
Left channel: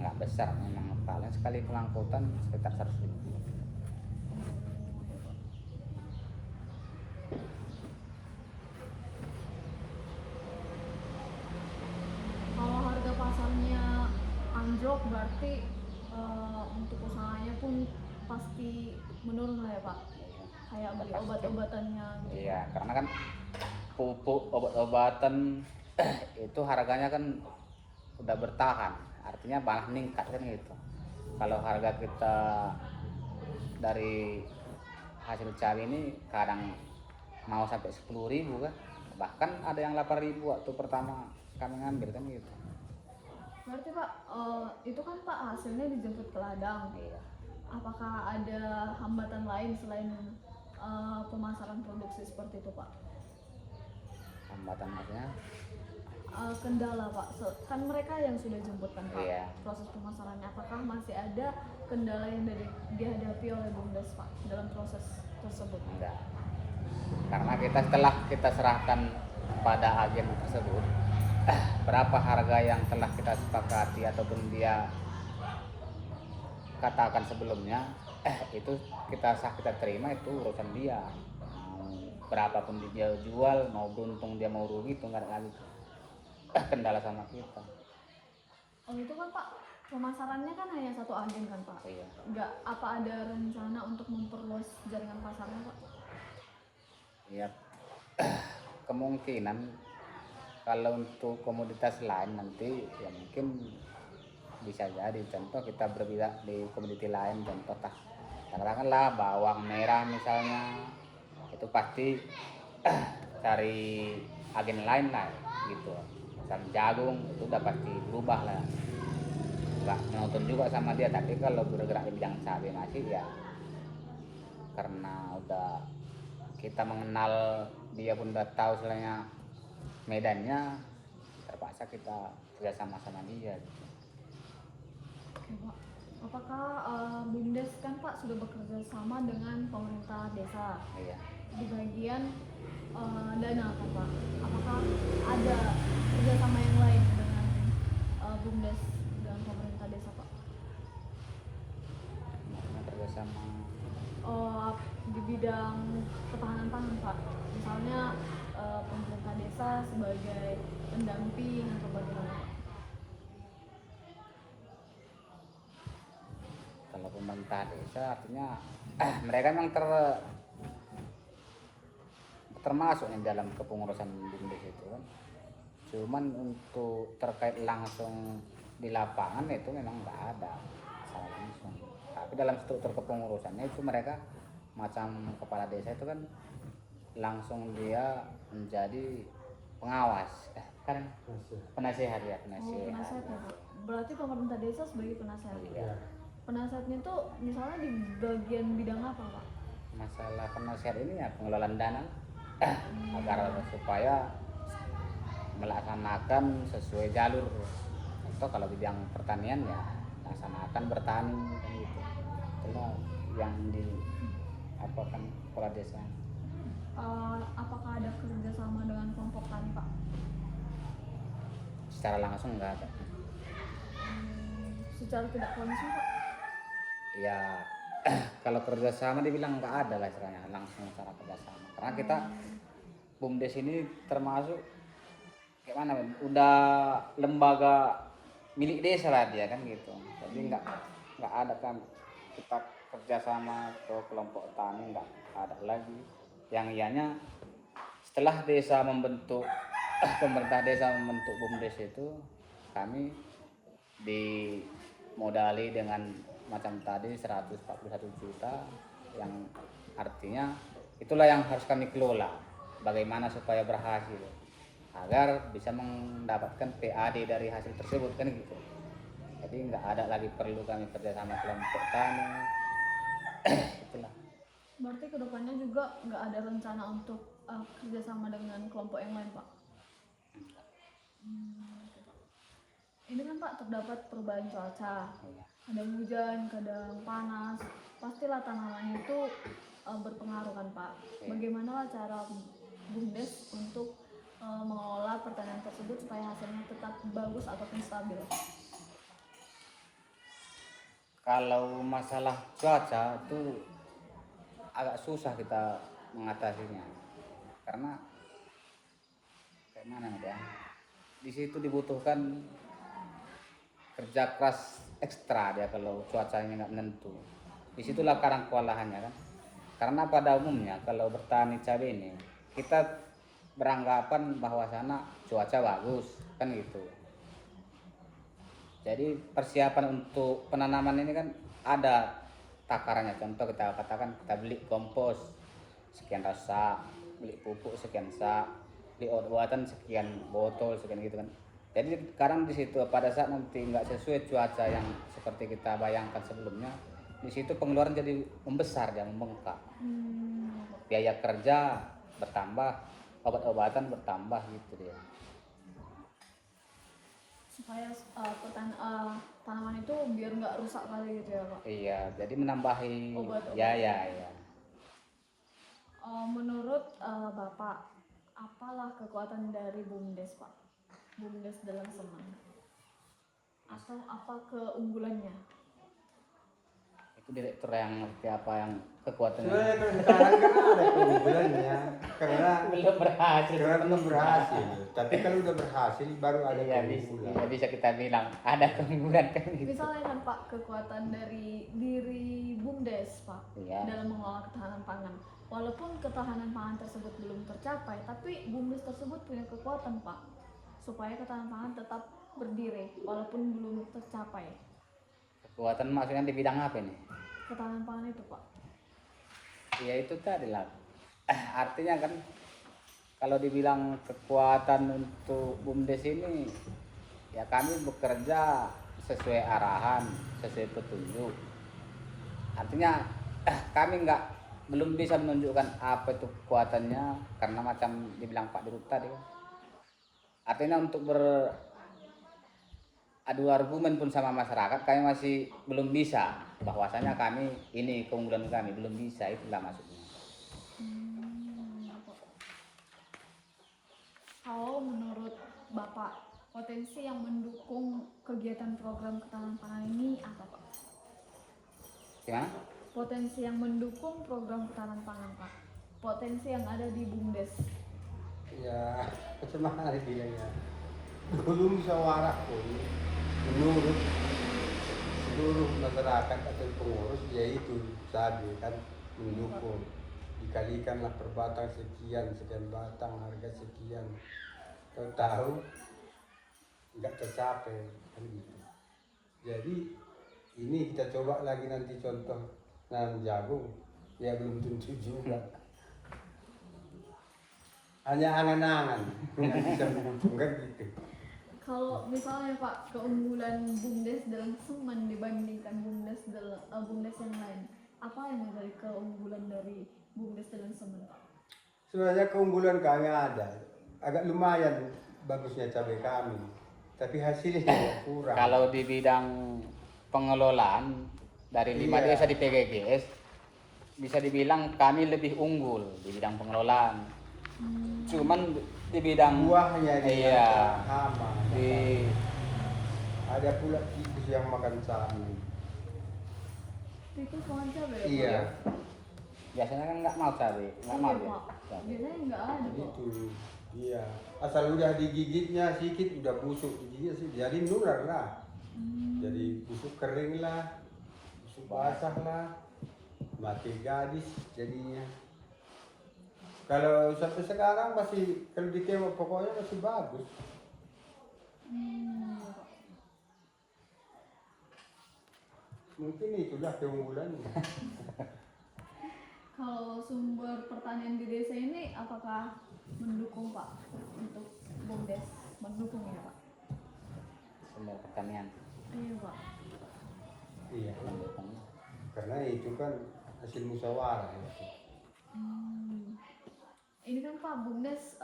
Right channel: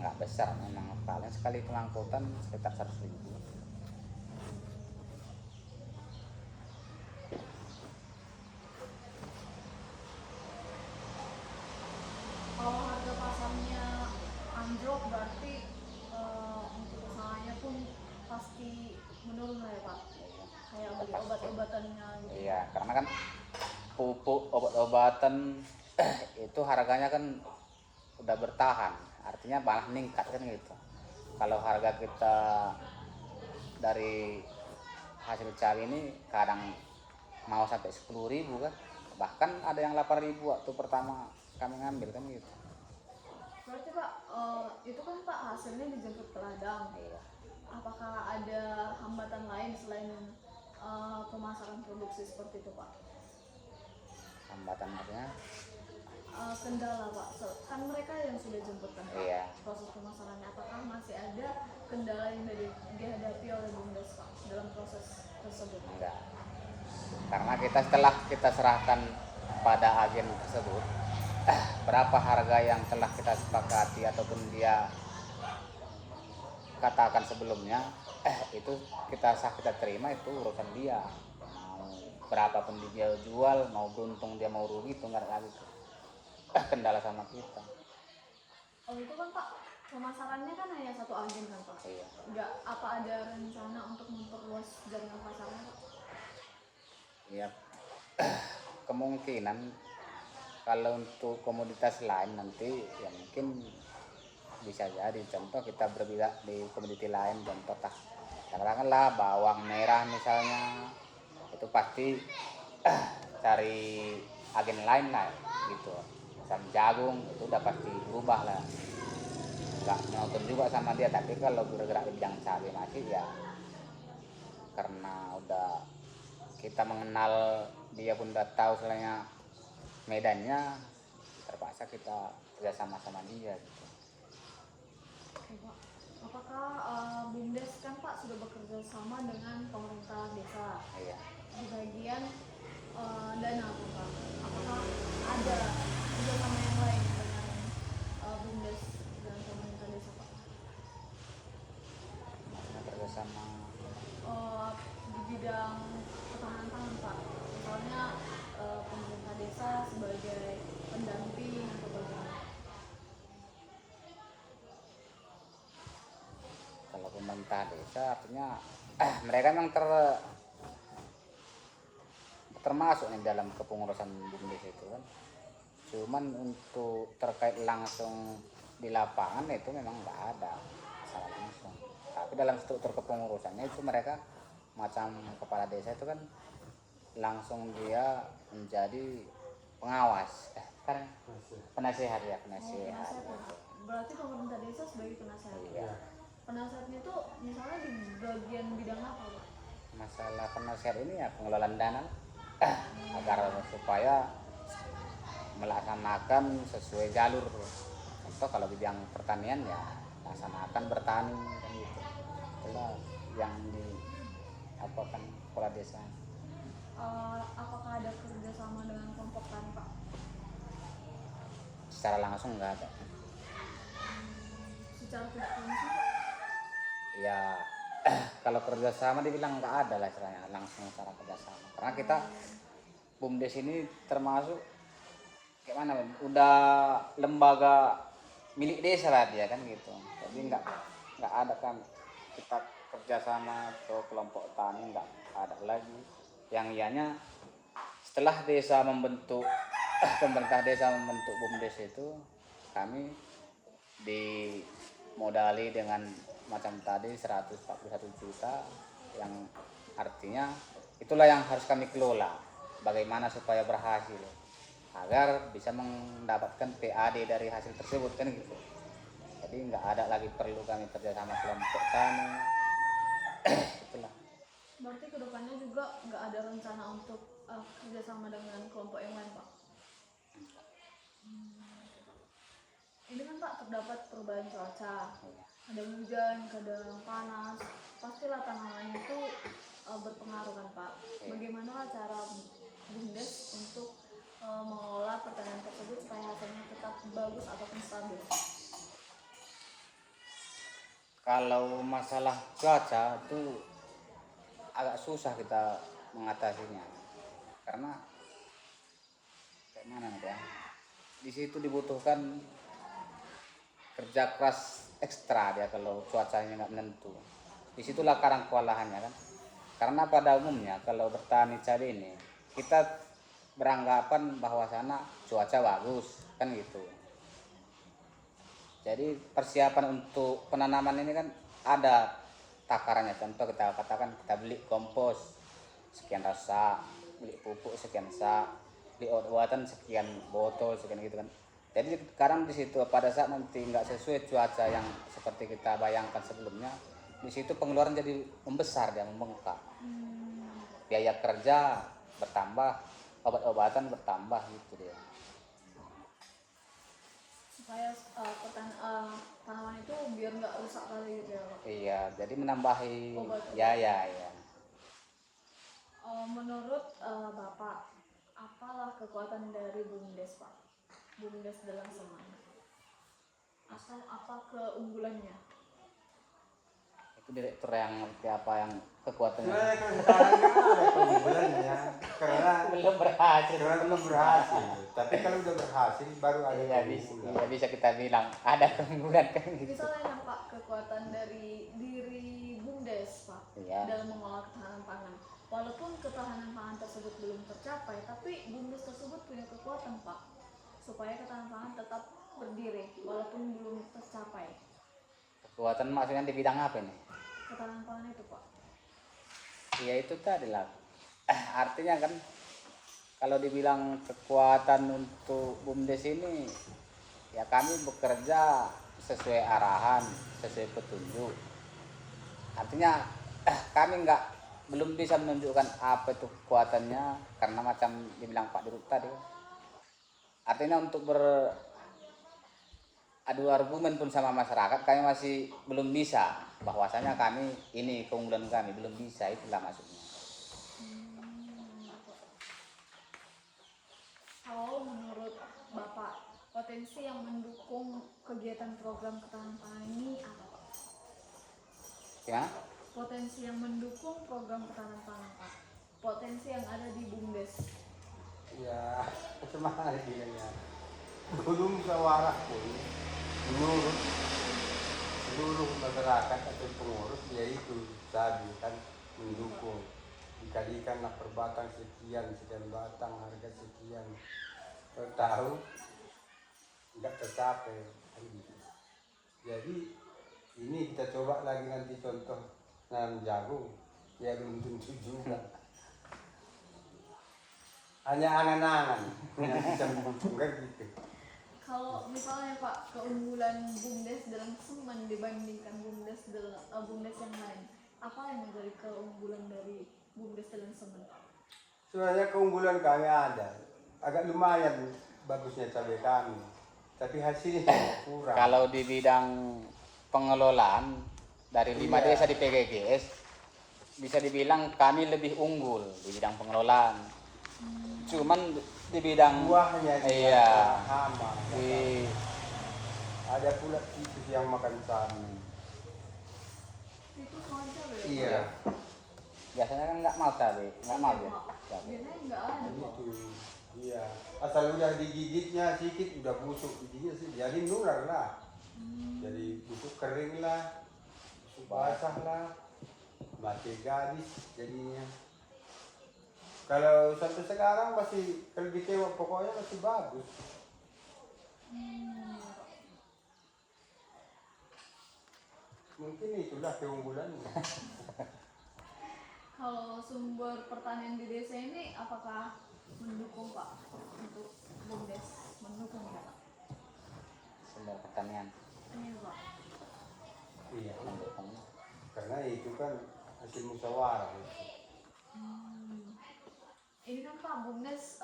Nggak besar memang, paling sekali pengangkutan sekitar 100.000. Kalau harga pasarnya untuk usahanya pun pasti menurun lah ya Pak, kayak beli obat-obatannya gitu. Iya, karena kan pupuk obat-obatan itu harganya kan udah bertahan, artinya malah meningkat kan gitu. Kalau harga kita dari hasil cabai ini kadang mau sampai 10.000 kan, bahkan ada yang 8.000 waktu pertama kami ngambil kan gitu. Berarti Pak, itu kan Pak hasilnya dijemput ke ladang. Iya. Apakah ada hambatan lain selain pemasaran produksi seperti itu Pak? Hambatan maksudnya? Kendala Pak, kan mereka yang sudah jemput kan Pak, Iya. proses pemasarannya. Apakah masih ada kendala yang dihadapi oleh BUMDes Pak dalam proses tersebut? Enggak, karena setelah kita serahkan pada agen tersebut berapa harga yang telah kita sepakati ataupun dia katakan sebelumnya, itu kita terima, itu urusan dia. Mau berapapun dia jual, mau beruntung dia mau rugi, itu nggak ada lagi kendala sama kita. Kalau itu kan Pak, pemasarannya kan hanya satu agen kan Pak? Iya. Nggak apa ada rencana untuk memperluas jaringan pasarnya Pak? Iya. Kemungkinan kalau untuk komoditas lain nanti ya mungkin bisa jadi, contoh kita bergerak di komoditi lain, contoh katakanlah bawang merah misalnya, itu pasti cari agen lain lah gitu. Misal jagung itu udah pasti berubah lah, nggak nonton juga sama dia. Tapi kalau bergerak di bidang cabai masih ya, karena udah kita mengenal dia pun udah tahu soalnya medannya, terpaksa kita ya sama-sama dia gitu. Oke, Pak. Apakah BUMDes kan Pak sudah bekerja sama dengan pemerintah desa Iya. di bagian dana kan Pak? Apakah ada kerjasama yang lain dengan BUMDes dan pemerintah desa Pak? Maksudnya kerjasama Di bidang ketahanan pangan Pak, misalnya pemerintah desa sebagai pendamping atau bagaimana Pak? kalau pemerintah desa artinya mereka memang termasuk di dalam kepengurusan BUMDes itu kan. Cuman untuk terkait langsung di lapangan itu memang nggak ada secara langsung. Tapi dalam struktur kepengurusannya itu mereka macam kepala desa itu kan langsung dia menjadi pengawas, kan penasehat ya, Oh, penasehat. penasehat ya Pak. Berarti pemerintah desa sebagai penasehat. Iya. Penasehatnya itu misalnya di bagian bidang apa Pak? Masalah penasehat ini ya pengelolaan dana agar supaya melaksanakan sesuai jalur. Contoh kalau di bidang pertanian ya laksanakan bertani kan gitu. Itulah yang di apa kan kepala desa. Apakah ada kerjasama dengan kelompok tani Pak? Secara langsung nggak ada. Secara tidak langsung Pak? Ya kalau kerjasama dibilang nggak ada lah istilahnya langsung secara kerjasama. Karena kita BUMDes ini termasuk gimana? Udah lembaga milik desa lah dia kan gitu. Jadi nggak ada kan kita kerjasama ke kelompok tani, nggak ada lagi. Yang ianya setelah desa membentuk pemerintah desa membentuk BUMDes itu, kami dimodali dengan macam tadi 141 juta, yang artinya itulah yang harus kami kelola bagaimana supaya berhasil agar bisa mendapatkan PAD dari hasil tersebut kan gitu. Jadi nggak ada lagi perlu kami kerjasama kelompok tani. Itulah. Berarti kedepannya juga nggak ada rencana untuk kerjasama dengan kelompok yang lain Pak? Ini kan Pak terdapat perubahan cuaca, kadang hujan, kadang panas, pastilah tanamannya itu berpengaruh kan Pak. Bagaimana cara BUMDes untuk mengelola pertanian tersebut supaya hasilnya tetap bagus ataupun stabil? Kalau masalah cuaca itu agak susah kita mengatasinya, karena gimana ya, di situ dibutuhkan kerja keras ekstra dia kalau cuacanya nggak menentu. Disitulah karang kewalahannya kan. Karena pada umumnya kalau bertani cabai ini kita beranggapan bahwa sana cuaca bagus kan gitu. Jadi persiapan untuk penanaman ini kan ada takarannya. Contoh kita katakan kita beli kompos sekian rasa, beli pupuk sekian sak, beli obat-obatan sekian botol sekian gitu kan. Jadi sekarang di situ pada saat nanti nggak sesuai cuaca yang seperti kita bayangkan sebelumnya, di situ pengeluaran jadi membesar dan membengkak. Biaya kerja bertambah, obat-obatan bertambah gitu dia. Supaya tanaman itu biar nggak rusak kali gitu ya Pak. Iya, jadi menambahi Obat-obatan. ya. Menurut Bapak, apalah kekuatan dari BUMDes Pak? BUMDes dalam semen. Atau apa keunggulannya? Itu direktur yang ngerti apa yang kekuatannya. Sebenarnya kalau sekarang kan ada keunggulannya karena Belum berhasil. karena belum berhasil. Tapi kalau udah berhasil baru ada Iya, keunggulan. bisa kita bilang ada keunggulan kan gitu. Misalnya kan Pak, kekuatan dari diri BUMDes Pak Iya. dalam mengolah ketahanan pangan. Walaupun ketahanan pangan tersebut belum tercapai, tapi BUMDes tersebut punya kekuatan Pak, supaya ketahanan pangan tetap berdiri walaupun belum tercapai. Kekuatan maksudnya di bidang apa nih? Ketahanan pangan itu Pak. Ya itu tadi lah. Artinya kan kalau dibilang kekuatan untuk BUMDes ini ya kami bekerja sesuai arahan, sesuai petunjuk. Artinya kami belum bisa menunjukkan apa itu kekuatannya karena macam dibilang Pak Dirut tadi. Artinya untuk adu argumen pun sama masyarakat kami masih belum bisa, bahwasanya kami ini keunggulan kami belum bisa, itulah maksudnya. Kalau menurut Bapak, potensi yang mendukung kegiatan program ketahanan pangan ini apa Pak? Ya, Potensi yang mendukung program ketahanan pangan Pak. Potensi yang ada di BUMDes. Ya, bagaimana bilangnya? Belum musyawarah pun menurut seluruh masyarakat atau pengurus yaitu tadi kan mendukung, dikalikanlah per batang sekian batang harga sekian, tahu nggak tercapai kan gitu. Jadi ini kita coba lagi nanti contoh nanam jagung ya belum tentu juga, hanya angan-angan yang bisa menguntungkan gitu. Kalau misalnya Pak, keunggulan BUMDes dalam semen dibandingkan BUMDes yang lain, apa yang menjadi keunggulan dari BUMDes dalam semen Pak? Sebenarnya keunggulan kami ada, agak lumayan bagusnya cabai kami, tapi hasilnya kurang. kalau di bidang pengelolaan dari 5 Iya. desa di PGGS bisa dibilang kami lebih unggul di bidang pengelolaan. Cuman di bidang Buahnya dia iya, hama, di ada pula tikus yang makan cabai. Itu pohon cabai ya, Iya, Pak? biasanya kan nggak mau cabai, nggak Iya, mau Pak. dia. Biasanya nggak ada Pak. begitu. Iya, asal udah digigitnya sedikit udah busuk giginya sih, jadi nular lah. Jadi busuk kering lah, busuk basah lah, mati gadis jadinya. Kalau sampai sekarang masih, kalau ditengok pokoknya masih bagus. Iya, Pak. Mungkin itulah keunggulannya. Kalau sumber pertanian di desa ini apakah mendukung Pak untuk BUMDes? Mendukung ya Pak? Sumber pertanian Iya Pak. Iya, mendukung. karena itu kan hasil musyawarah. Ini kan Pak BUMDes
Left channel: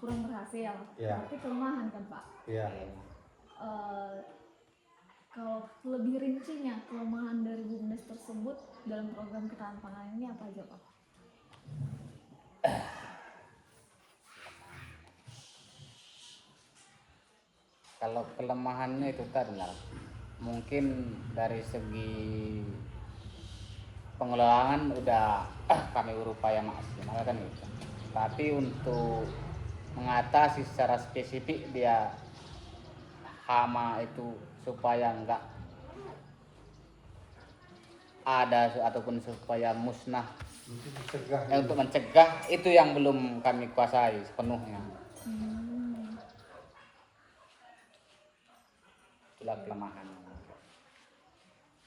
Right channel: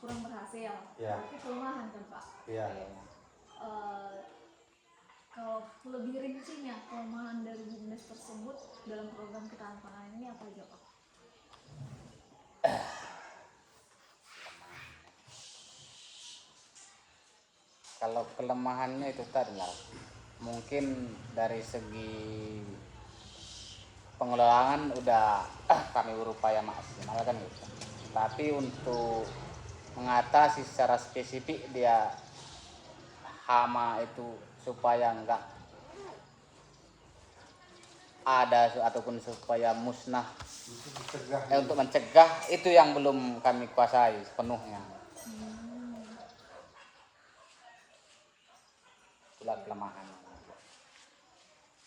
kurang berhasil, Iya. tapi kelemahan kan Pak. Iya. Kalau lebih rincinya kelemahan dari BUMDes tersebut dalam program ketahanan pangan ini apa aja Pak? Kalau kelemahannya itu tadi lah, mungkin dari segi pengelolaan udah kami berupaya maksimal kan gitu. Tapi untuk mengatasi secara spesifik dia hama itu supaya enggak ataupun supaya musnah untuk mencegah. untuk mencegah itu yang belum kami kuasai sepenuhnya. Itulah kelemahan.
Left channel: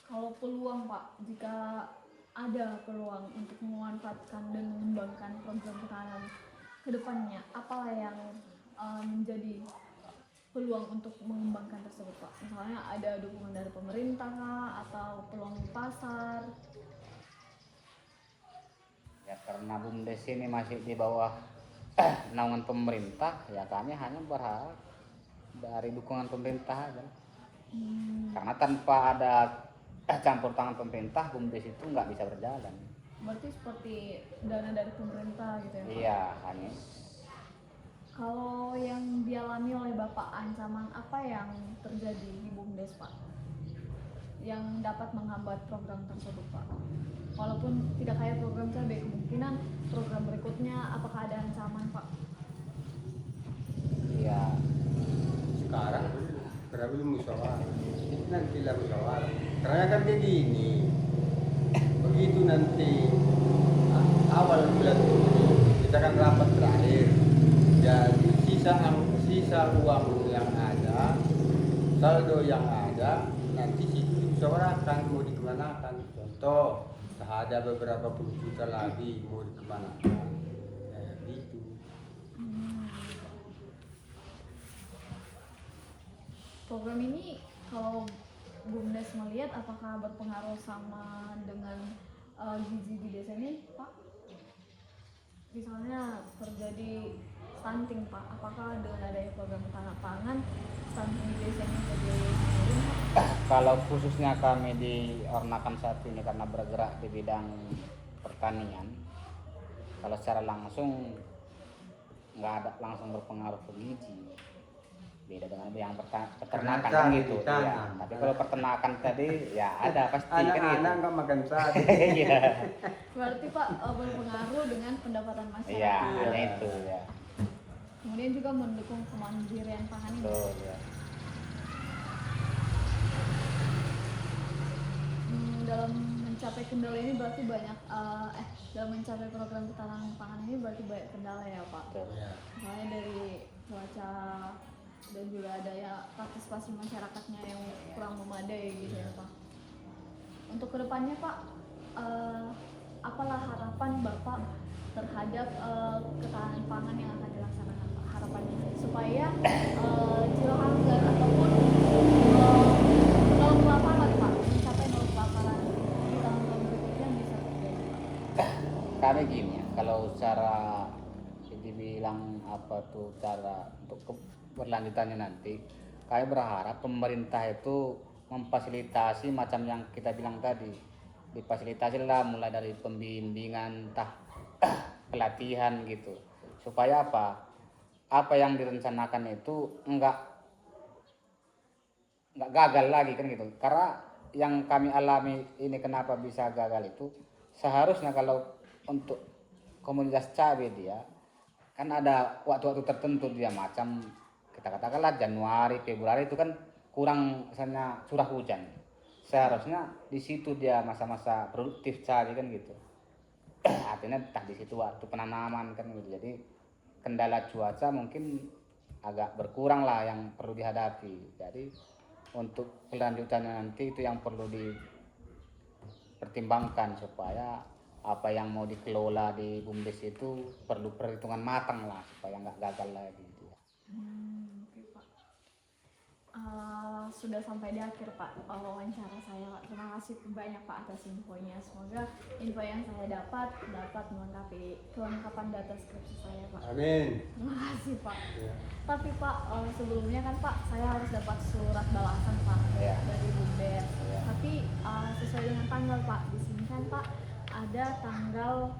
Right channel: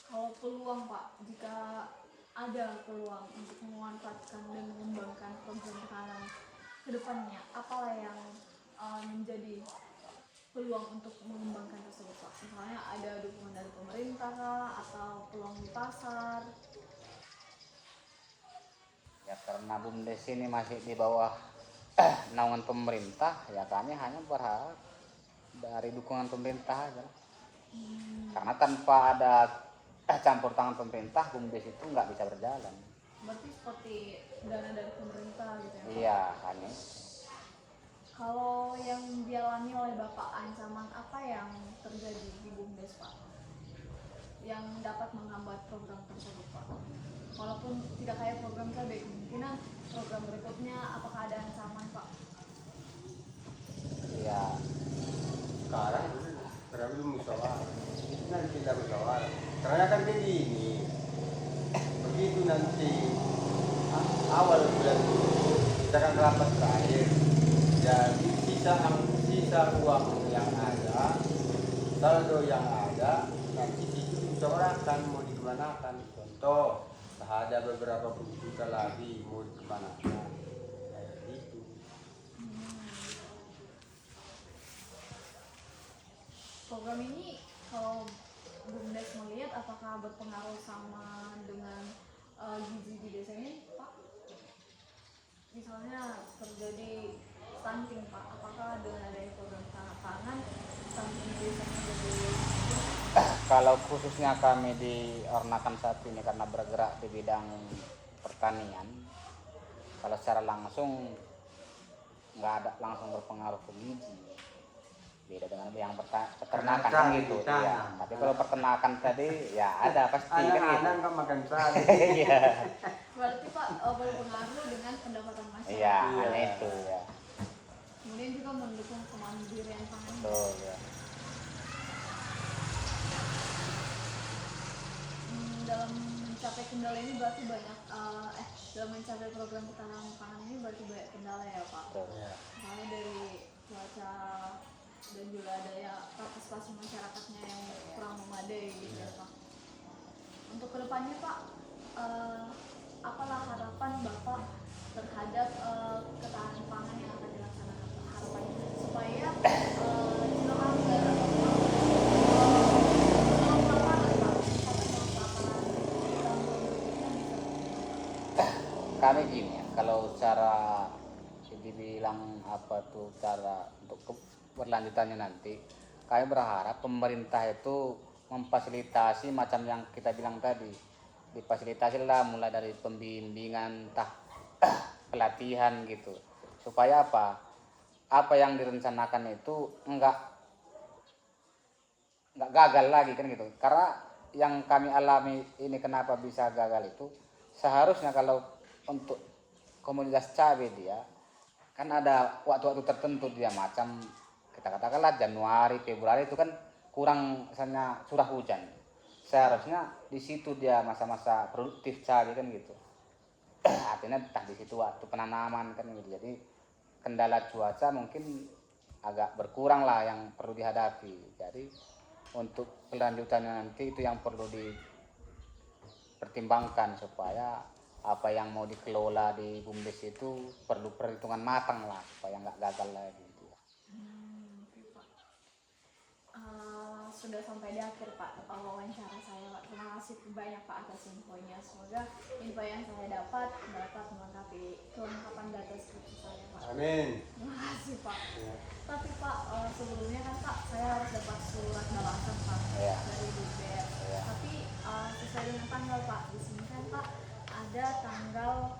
Kalau peluang Pak, jika ada peluang untuk memanfaatkan dan mengembangkan program ketahanan ke depannya, apalah yang menjadi peluang untuk mengembangkan tersebut Pak? Misalnya ada dukungan dari pemerintah kah, atau peluang di pasar? Ya karena BUMDes ini masih di bawah naungan pemerintah, ya kami hanya berharap dari dukungan pemerintah aja. Karena tanpa ada campur tangan pemerintah, BUMDes itu nggak bisa berjalan. Berarti seperti dana dari pemerintah gitu ya Pak? Iya, hanya Kalau yang dialami oleh Bapak, ancaman apa yang terjadi di BUMDes Pak? Yang dapat menghambat program tersebut Pak? Walaupun tidak kayak program saya, kemungkinan program berikutnya apakah ada ancaman Pak? ya Sekarang belum musyawarah. Nanti lah musyawarah. Karena kan begini, begitu nanti awal bulan itu kita kan rapat terakhir. Jadi sisa uang yang ada, saldo yang ada, nanti situ dimusyawarahkan mau dikemanakan. Contoh, ada beberapa puluh juta lagi mau dikemanakan. Kayak gitu. Program ini kalau BUMDes melihat apakah berpengaruh sama dengan gizi di desa ini Pak? Misalnya terjadi stunting Pak, apakah dengan adanya program ketahanan pangan stunting di desa ini jadi menurun? kalau khususnya kami di Ornakan 1 ini karena bergerak di bidang pertanian, kalau secara langsung nggak ada langsung berpengaruh ke gizi. Beda dengan yang peternakan Peternakan kan gitu. ditanam. Ya. Tapi kalau peternakan tadi ya ada pasti kan Anak-anak gitu. nggak makan sate. Iya. Berarti Pak berpengaruh dengan pendapatan masyarakat. Iya, Iya. itu ya. Kemudian juga mendukung kemandirian pangan. Betul ya. Dalam mencapai kendala ini berarti banyak dalam mencapai program ketahanan pangan ini berarti banyak kendala ya Pak. Betul. Ya. Misalnya dari cuaca dan juga daya partisipasi masyarakatnya yang kurang memadai gitu ya Pak. Untuk kedepannya Pak, apalah harapan Bapak terhadap ketahanan pangan yang akan dilaksanakan Pak? Harapannya supaya Cilohanggar ataupun nol kelaparan Pak, mencapai nol kelaparan di tahun-tahun berikutnya bisa terjadi Pak. Kami gini ya, kalau cara dibilang apa tuh cara untuk berlanjutannya nanti, kami berharap pemerintah itu memfasilitasi macam yang kita bilang tadi, difasilitasi lah mulai dari pembimbingan, pelatihan gitu, supaya apa yang direncanakan itu enggak gagal lagi kan gitu. Karena yang kami alami ini kenapa bisa gagal itu, seharusnya kalau untuk komunitas cabai dia kan ada waktu-waktu tertentu dia macam kita katakanlah Januari, Februari itu kan kurang misalnya curah hujan. Seharusnya di situ dia masa-masa produktif cabai kan gitu. Artinya di situ waktu penanaman kan gitu. Jadi kendala cuaca mungkin agak berkurang lah yang perlu dihadapi. Jadi untuk kelanjutannya nanti itu yang perlu dipertimbangkan supaya apa yang mau dikelola di BUMDes itu perlu perhitungan matang lah supaya nggak gagal lagi gitu ya. Oke, Pak. Sudah sampai di akhir Pak wawancara saya Pak. Terima kasih banyak Pak atas infonya. Semoga info yang saya dapat melengkapi kelengkapan data skripsi saya Pak. Amin. Terima kasih Pak. Ya. Tapi Pak sebelumnya kan Pak saya harus dapat surat balasan Pak Ya. dari BUMDes. Ya. Tapi sesuai dengan tanggal Pak, di sini kan Pak ada tanggal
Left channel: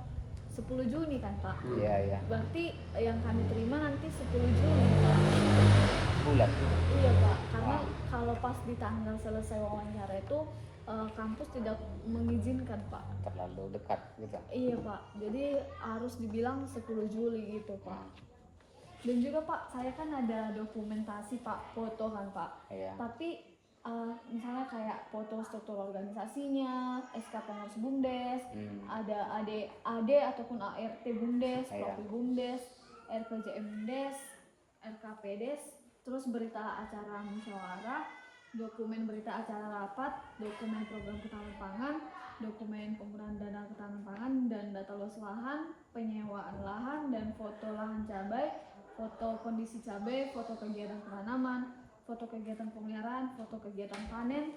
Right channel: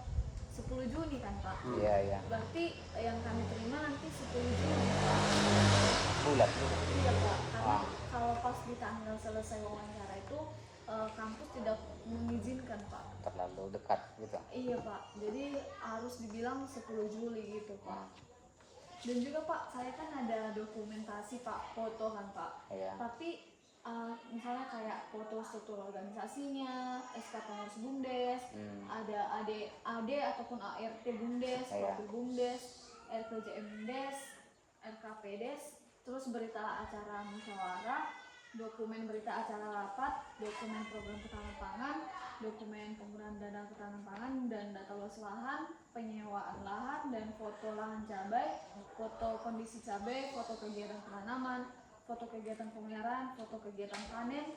10 Juni kan Pak. Iya iya. Berarti yang kami terima nanti 10 Juni Pak. Bulan. Iya Pak, karena kalau pas di tanggal selesai wawancara itu kampus tidak mengizinkan Pak. Terlalu dekat gitu. Iya Pak, jadi harus dibilang 10 Juli gitu Pak. Dan juga Pak, saya kan ada dokumentasi Pak, foto kan Pak. Iya. Tapi misalnya kayak foto struktur organisasinya, SK Pengurus Bumdes, ada AD ataupun ART Bumdes, Iya. Profil Bumdes, RPJM Bumdes, RKPDes, terus berita acara musyawarah, dokumen berita acara rapat, dokumen program ketahanan pangan, dokumen penggunaan dana ketahanan pangan dan data luas lahan, penyewaan lahan dan foto lahan cabai, foto kondisi cabai, foto kegiatan penanaman, foto kegiatan pemeliharaan, foto kegiatan panen,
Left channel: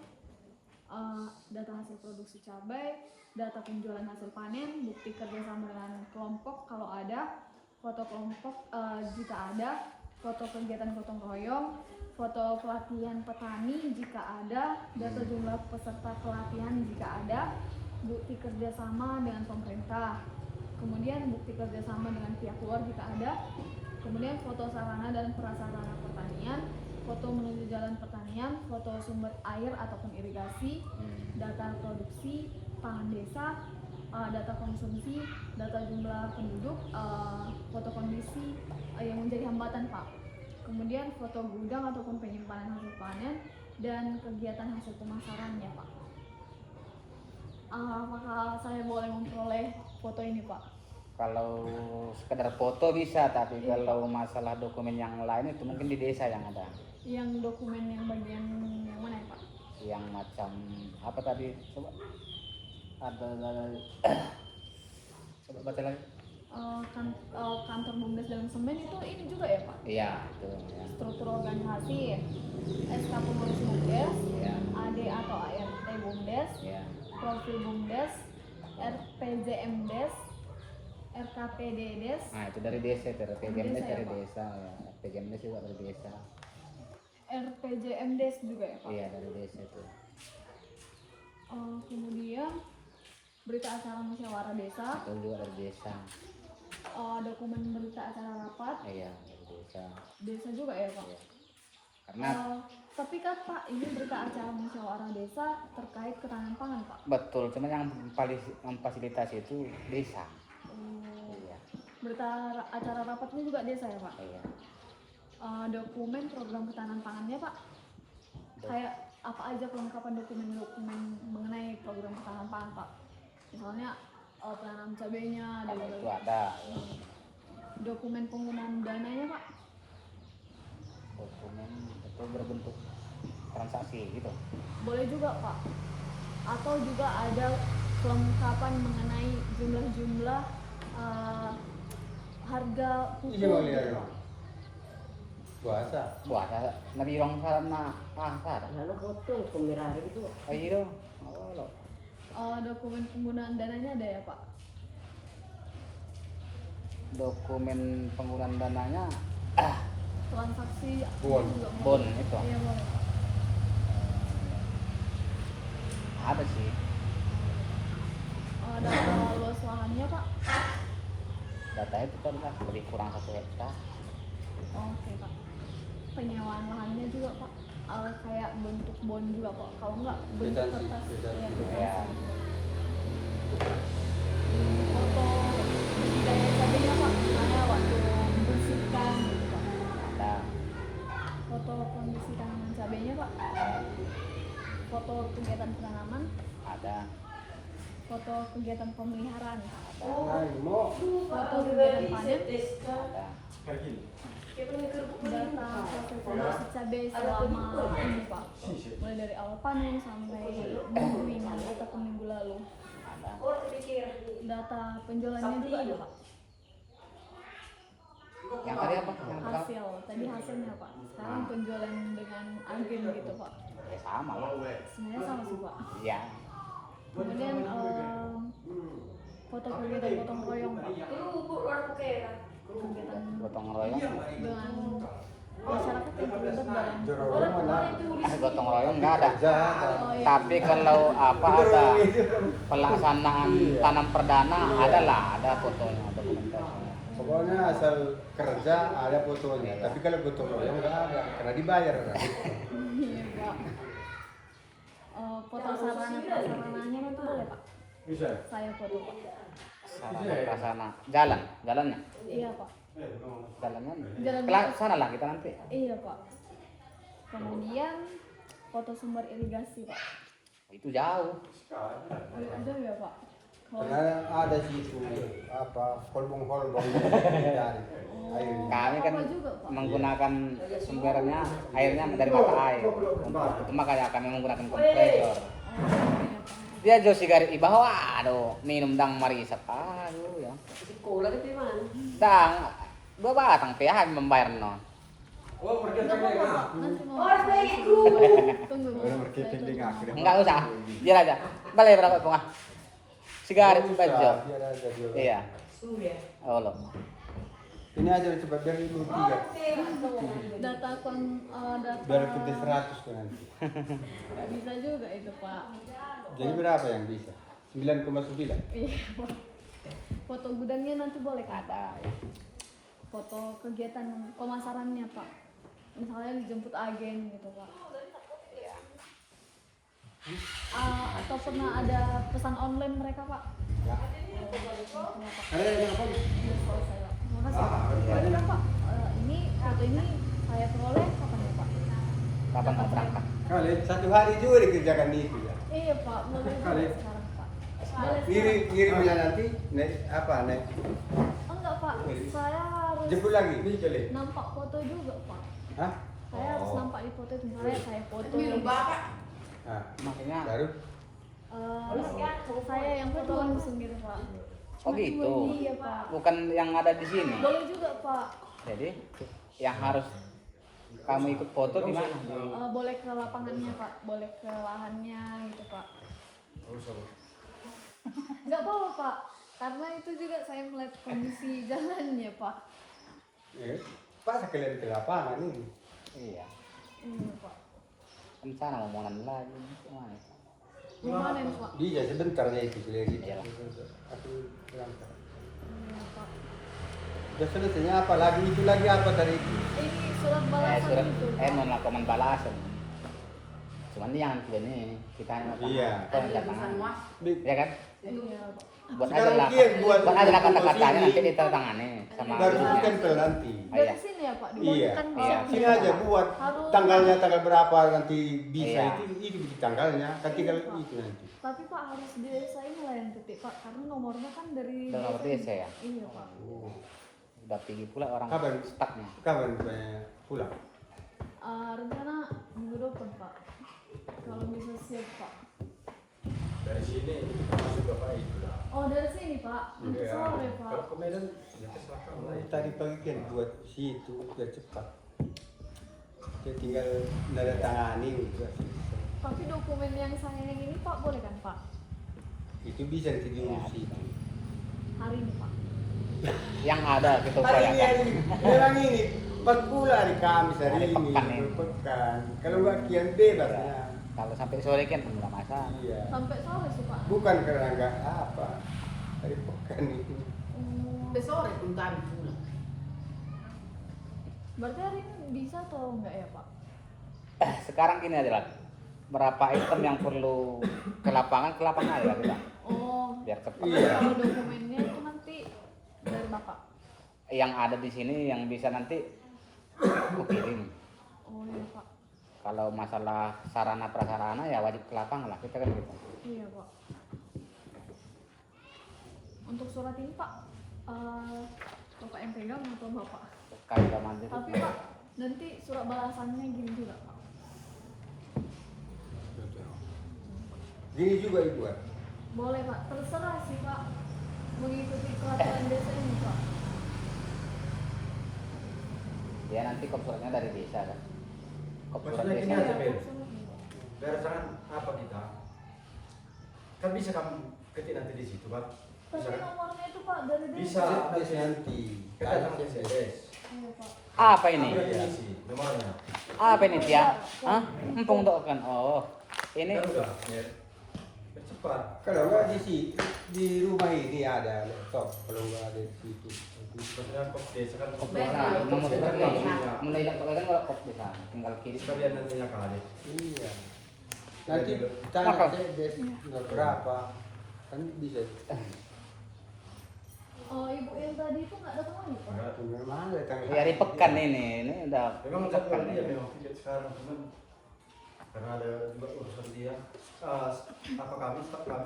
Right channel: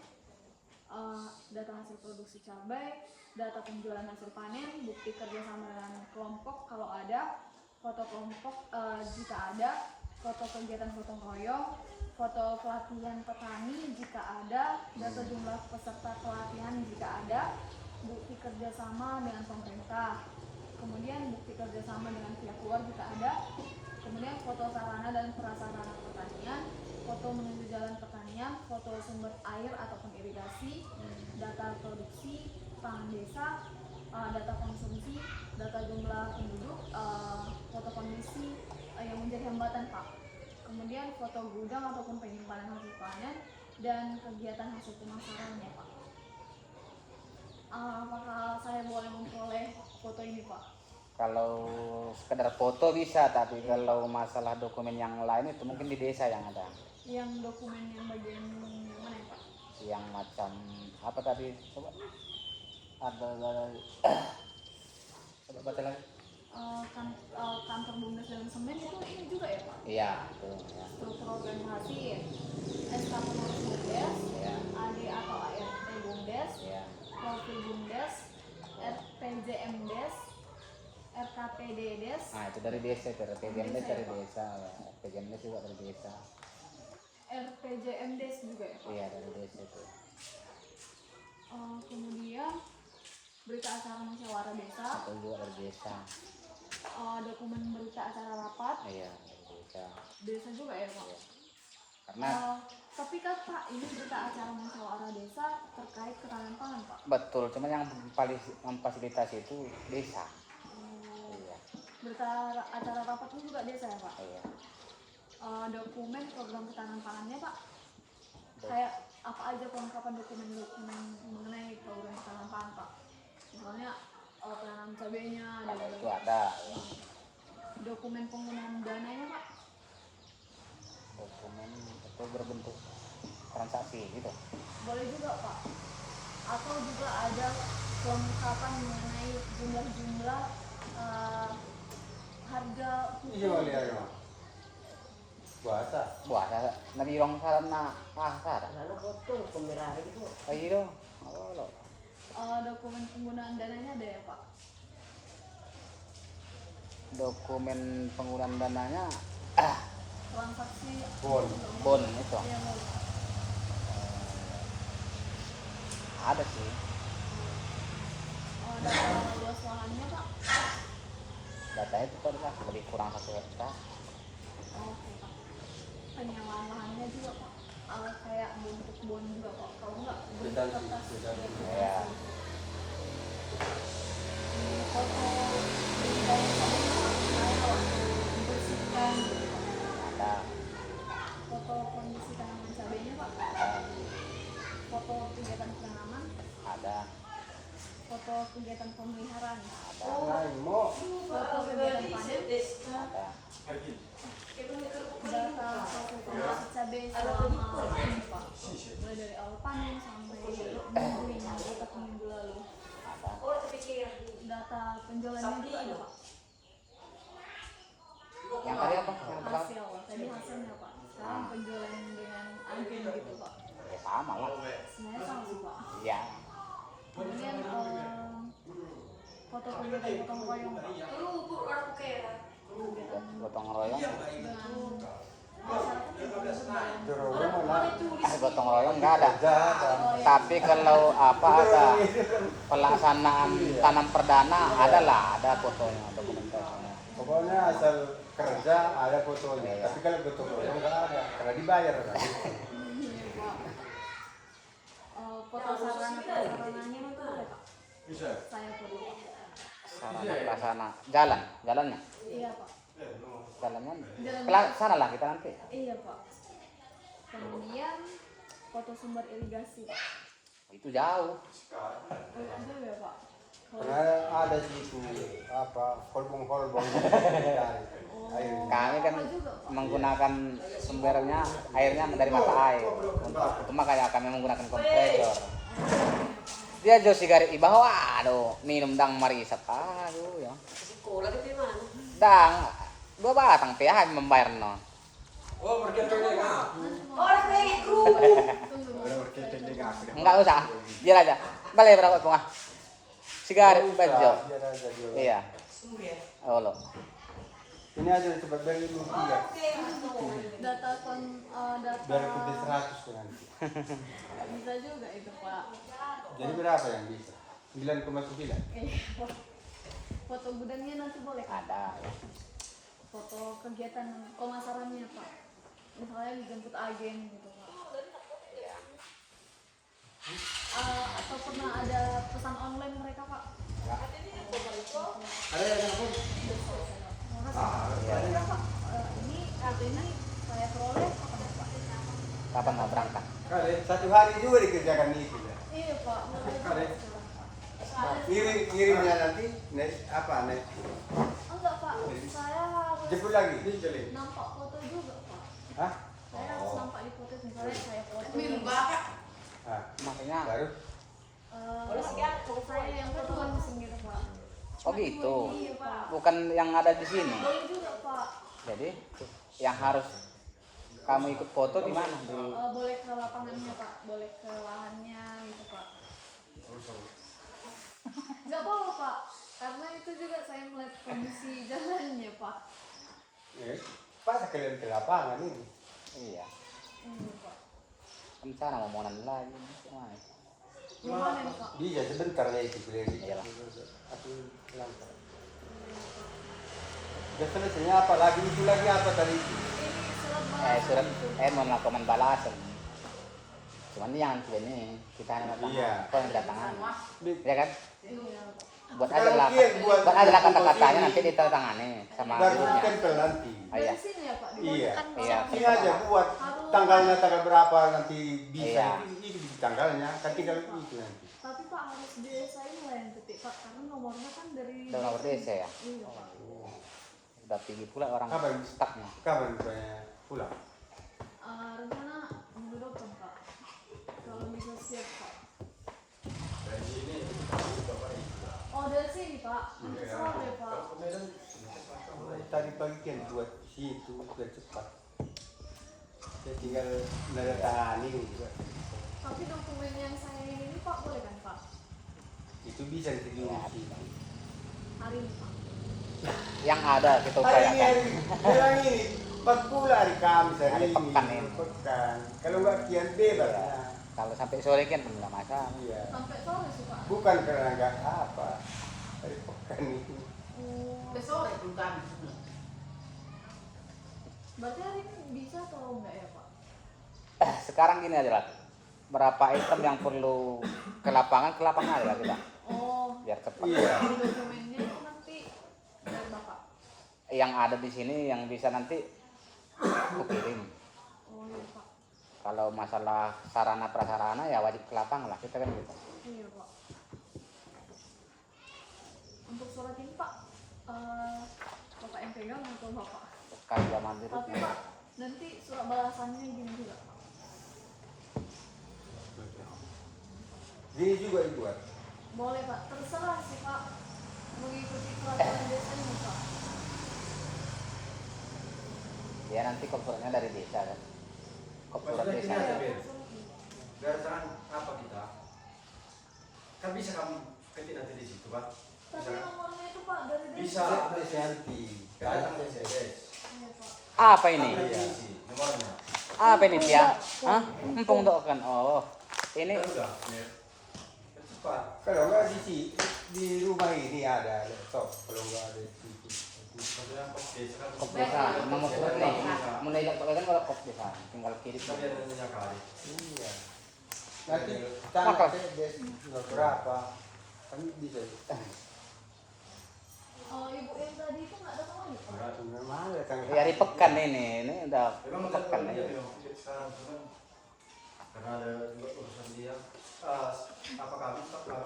data hasil produksi cabai, data penjualan hasil panen, bukti kerjasama dengan kelompok kalau ada, foto kelompok jika ada, foto kegiatan gotong royong, foto pelatihan petani jika ada, data jumlah peserta pelatihan jika ada, bukti kerjasama dengan pemerintah, kemudian bukti kerjasama dengan pihak luar jika ada, kemudian foto sarana dan prasarana pertanian, foto menuju jalan pertanian, foto sumber air ataupun irigasi, data produksi pangan desa, data konsumsi, data jumlah penduduk, foto kondisi yang menjadi hambatan Pak. Kemudian foto gudang ataupun penyimpanan hasil panen dan kegiatan hasil pemasarannya Pak. Apakah saya boleh memperoleh foto ini Pak? Kalau sekedar foto bisa, tapi kalau masalah dokumen yang lain itu mungkin di desa yang ada. Yang dokumen yang bagian yang mana ya Pak? Yang macam apa tadi? Coba ada coba baca lagi. Kantor Bumdes dalam Semen itu ini juga ya Pak? Iya, itu ya. Struktur organisasi, SK Pengurus Bumdes, Ya. AD atau ART Bumdes, Ya. Profil Bumdes, RPJM Des, RKPD Des, Nah, itu dari desa, itu PGM Desa ya, dari Pak? desa ya. PGM juga dari desa. RPJM Des juga ya Pak? Iya, dari desa itu. Kemudian berita acara musyawarah desa, Itu juga dari desa. dokumen berita acara rapat, Iya, dari desa. desa juga ya Pak? Iya. Karena Tapi kan Pak, ini berita acara musyawarah desa terkait ketahanan pangan Pak. betul, cuma yang paling memfasilitasi itu desa. Oh, Iya. berita acara rapat ini juga desa ya Pak? Iya. Dokumen program ketahanan pangannya Pak, kayak apa aja kelengkapan dokumen-dokumen mengenai program ketahanan pangan Pak? Misalnya penanam cabainya dan Kalau itu ada dokumen penggunaan dananya Pak. dokumen itu berbentuk transaksi gitu. Boleh juga Pak, atau juga ada kelengkapan mengenai jumlah-jumlah harga pupuk. Iya boleh ya. Bahasa. Wah, nabi orang sana pasar. Lalu potong pemerah gitu. Ayo. Oh, Dokumen penggunaan dananya ada ya Pak? dokumen penggunaan dananya Transaksi Bon. juga boleh. bon itu Iya boleh Pak. ada sih. Data luas lahannya Pak? Data itu kan lah lebih kurang 1 hektar. Oke Pak. Penyewaan lahannya juga Pak? Kayak bentuk bon juga Pak? Kalau enggak bentuk Beda sih, kertas. beda. Iya, beda Ya. sih. Foto data cabenya Pak, misalnya waktu membersihkan gitu Pak. Ada. Foto kondisi tanaman cabenya Pak. Foto kegiatan penanaman, Ada. foto kegiatan pemeliharaan, Nah, ini mau foto kegiatan panen, Ada. data hasil produksi cabai selama ini Pak, mulai dari awal panen sampai minggu ini ataupun minggu lalu. Ada. Data penjualannya juga ada Pak. Yang tadi apa? Yang pertama? Hasil, tadi hasilnya Pak. Sekarang penjualan dengan agen gitu Pak. Sama lah. Sebenarnya sama sih Pak. Ya. Kemudian foto kegiatan gotong royong Pak. Kegiatan Gotong royong. dengan masyarakat yang terlibat dalam dorong mana? Ada gotong royong nggak ada. Ada. Tapi kalau apa ada pelaksanaan tanam perdana adalah ada fotonya, dokumentasinya. Pokoknya asal kerja ada fotonya. Tapi kalau gotong royong nggak ada, karena dibayar kan. Iya Pak. Foto sarananya nanti boleh Pak? Bisa. Saya foto Pak. Sana jalannya, Iya Pak. jalannya. Jalan. Sana lah kita nanti. Iya Pak. Kemudian foto sumber irigasi Pak? Itu jauh. Ada ya Pak? Karena ada di situ apa kolbong-kolbong dari air. Kami kan Apa juga Pak? menggunakan sumbernya airnya dari mata air. Untuk itu makanya kami menggunakan kompresor. Dia jauh sigaret di bawah, aduh, minum dang marisat, aduh ya. Sekolah itu mana? Dang, 2 batang PH membayar no. Orang pengen ku. Enggak usah, biar aja. Balik berapa bunga? Sigaret aja. Biar aja dia. Iya. Oh loh. Ini aja cepat dari 23. Data data Biar ikut 100 kan nanti. nggak bisa juga itu Pak. Jadi berapa yang bisa? 9,9. Pak. Foto gudangnya nanti boleh kan? Ada. Foto kegiatan pemasarannya Pak. Misalnya dijemput agen gitu Pak. Atau pernah ada pesan online mereka Pak? Ya. Ada yang telepon? Udah selesai Pak. Terima kasih. Udah, Pak. Ini foto ini saya peroleh kapan ya Pak? Kapan mau berangkat? Kali 1 hari juga dikerjakan itu ya. Iya Pak, boleh Kali. sekarang Pak. Boleh. Ngirimnya nanti naik apa naik? Oh, enggak Pak, saya harus Jemput lagi. nampak foto juga Pak. Hah? Saya harus nampak di foto misalnya saya foto. Ah, Maksudnya baru Saya yang fotoan sendiri Pak. Oh Cuma gitu. Iya Pak. bukan yang ada di sini. Boleh juga Pak. Jadi yang harus kamu ikut foto di mana? Boleh ke lapangannya Pak, boleh ke lahannya gitu Pak. Enggak apa-apa Pak, karena itu juga saya melihat kondisi jalannya Pak. Pak sekalian ke lapangan ini. Iya. Iya Pak. Kan sana omongan lagi. Gimana nih Pak? Bisa sebentar ya itu beli. Iya. Aku berangkat. Iya Pak. Udah selesainya apa lagi itu lagi apa tadi? Ini surat balasan Surat itu. mau melakukan balasan. Cuman yang ini kita hanya Iya. tangan. Ya kan? Iya Pak. Buat Sekarang aja lah. dia buat Buat aja lah foto kata-katanya sini. nanti ditandatangani sama. Baru ditempel nanti. Dari sini ya Pak? Iya. Kan Iya. Ini aja buat Harus. tanggalnya tanggal berapa nanti bisa Iya. itu di tanggalnya kan tinggal itu nanti. Tapi Pak harus di desa ini lah yang ketik Pak, karena nomornya kan dari Udah nomor desa ya? Iya Pak. Udah tinggi pula orang Kapan? stucknya. Kapan rupanya pulang? Rencana minggu depan Pak, kalau bisa siap Pak. Oh dari sini Pak, nanti sore Pak. Tadi pagi kan buat situ biar cepat. Saya tinggal nada tangani juga. Tapi dokumen yang saya ini Pak boleh kan Pak? Itu bisa nanti diurus itu. Hari ini Pak. Yang ada kita Hari upayakan. ini, sekarang ini, pas pula hari Kamis hari Hari ini, pekan ya. pekan. Kalau nggak kian bebas ya. Kalau sampai sore kan nggak masalah. Iya. Sampai sore sih Pak. Bukan karena nggak apa, hari pekan itu. Besok pun kami punya. Berarti hari ini bisa atau enggak ya Pak? Sekarang gini aja lah. Berapa item yang perlu ke lapangan aja kita. Oh, Biar cepat. Iya. kalau dokumennya itu nanti dari Bapak. Yang ada di sini yang bisa nanti aku kirim. Oh iya Pak. Kalau masalah sarana prasarana ya wajib ke lapangan lah kita kan gitu. Iya Pak. Untuk surat ini Pak, Bapak yang pegang atau Bapak? Kalau nanti Tapi Pak, nanti surat balasannya gini juga Pak. Gini juga dibuat. Boleh Pak, terserah sih Pak. Mengikuti peraturan desa ini Pak. ya nanti kopsuratnya dari desa kan. Kopsurat Maksudnya desa. gini aja, Iya, Ben. terserah sih, Pak. Berdasarkan apa kita? Kan bisa kamu ketik nanti di situ, Pak. Tapi nomornya itu Pak dari desa. Bisa. Bisa nanti. Kita nanti CSS. Iya Pak. Apa ini? Nanti isi nomornya. Apa ini Tia? Hah? Empung kan. Oh. Ini Kan udah, Net. Kan cepat. Kalau nggak di rumah ini ada laptop. Kalau nggak ada di situ. Maksudnya kok desa kan kop desa. Nomor berapa? Mulai dari kan kalau kop desa tinggal kirim. kita lihat nantinya kali. Iya. Nanti tanya des nggak berapa. Kan bisa. Oh ibu yang tadi itu nggak datang lagi Pak? Memang ada tanggal. Hari pekan ini udah Memang pekan tadi ini. ya memang lihat sekarang cuman karena ada urusan dia. Apa kami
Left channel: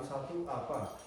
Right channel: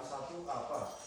satu apa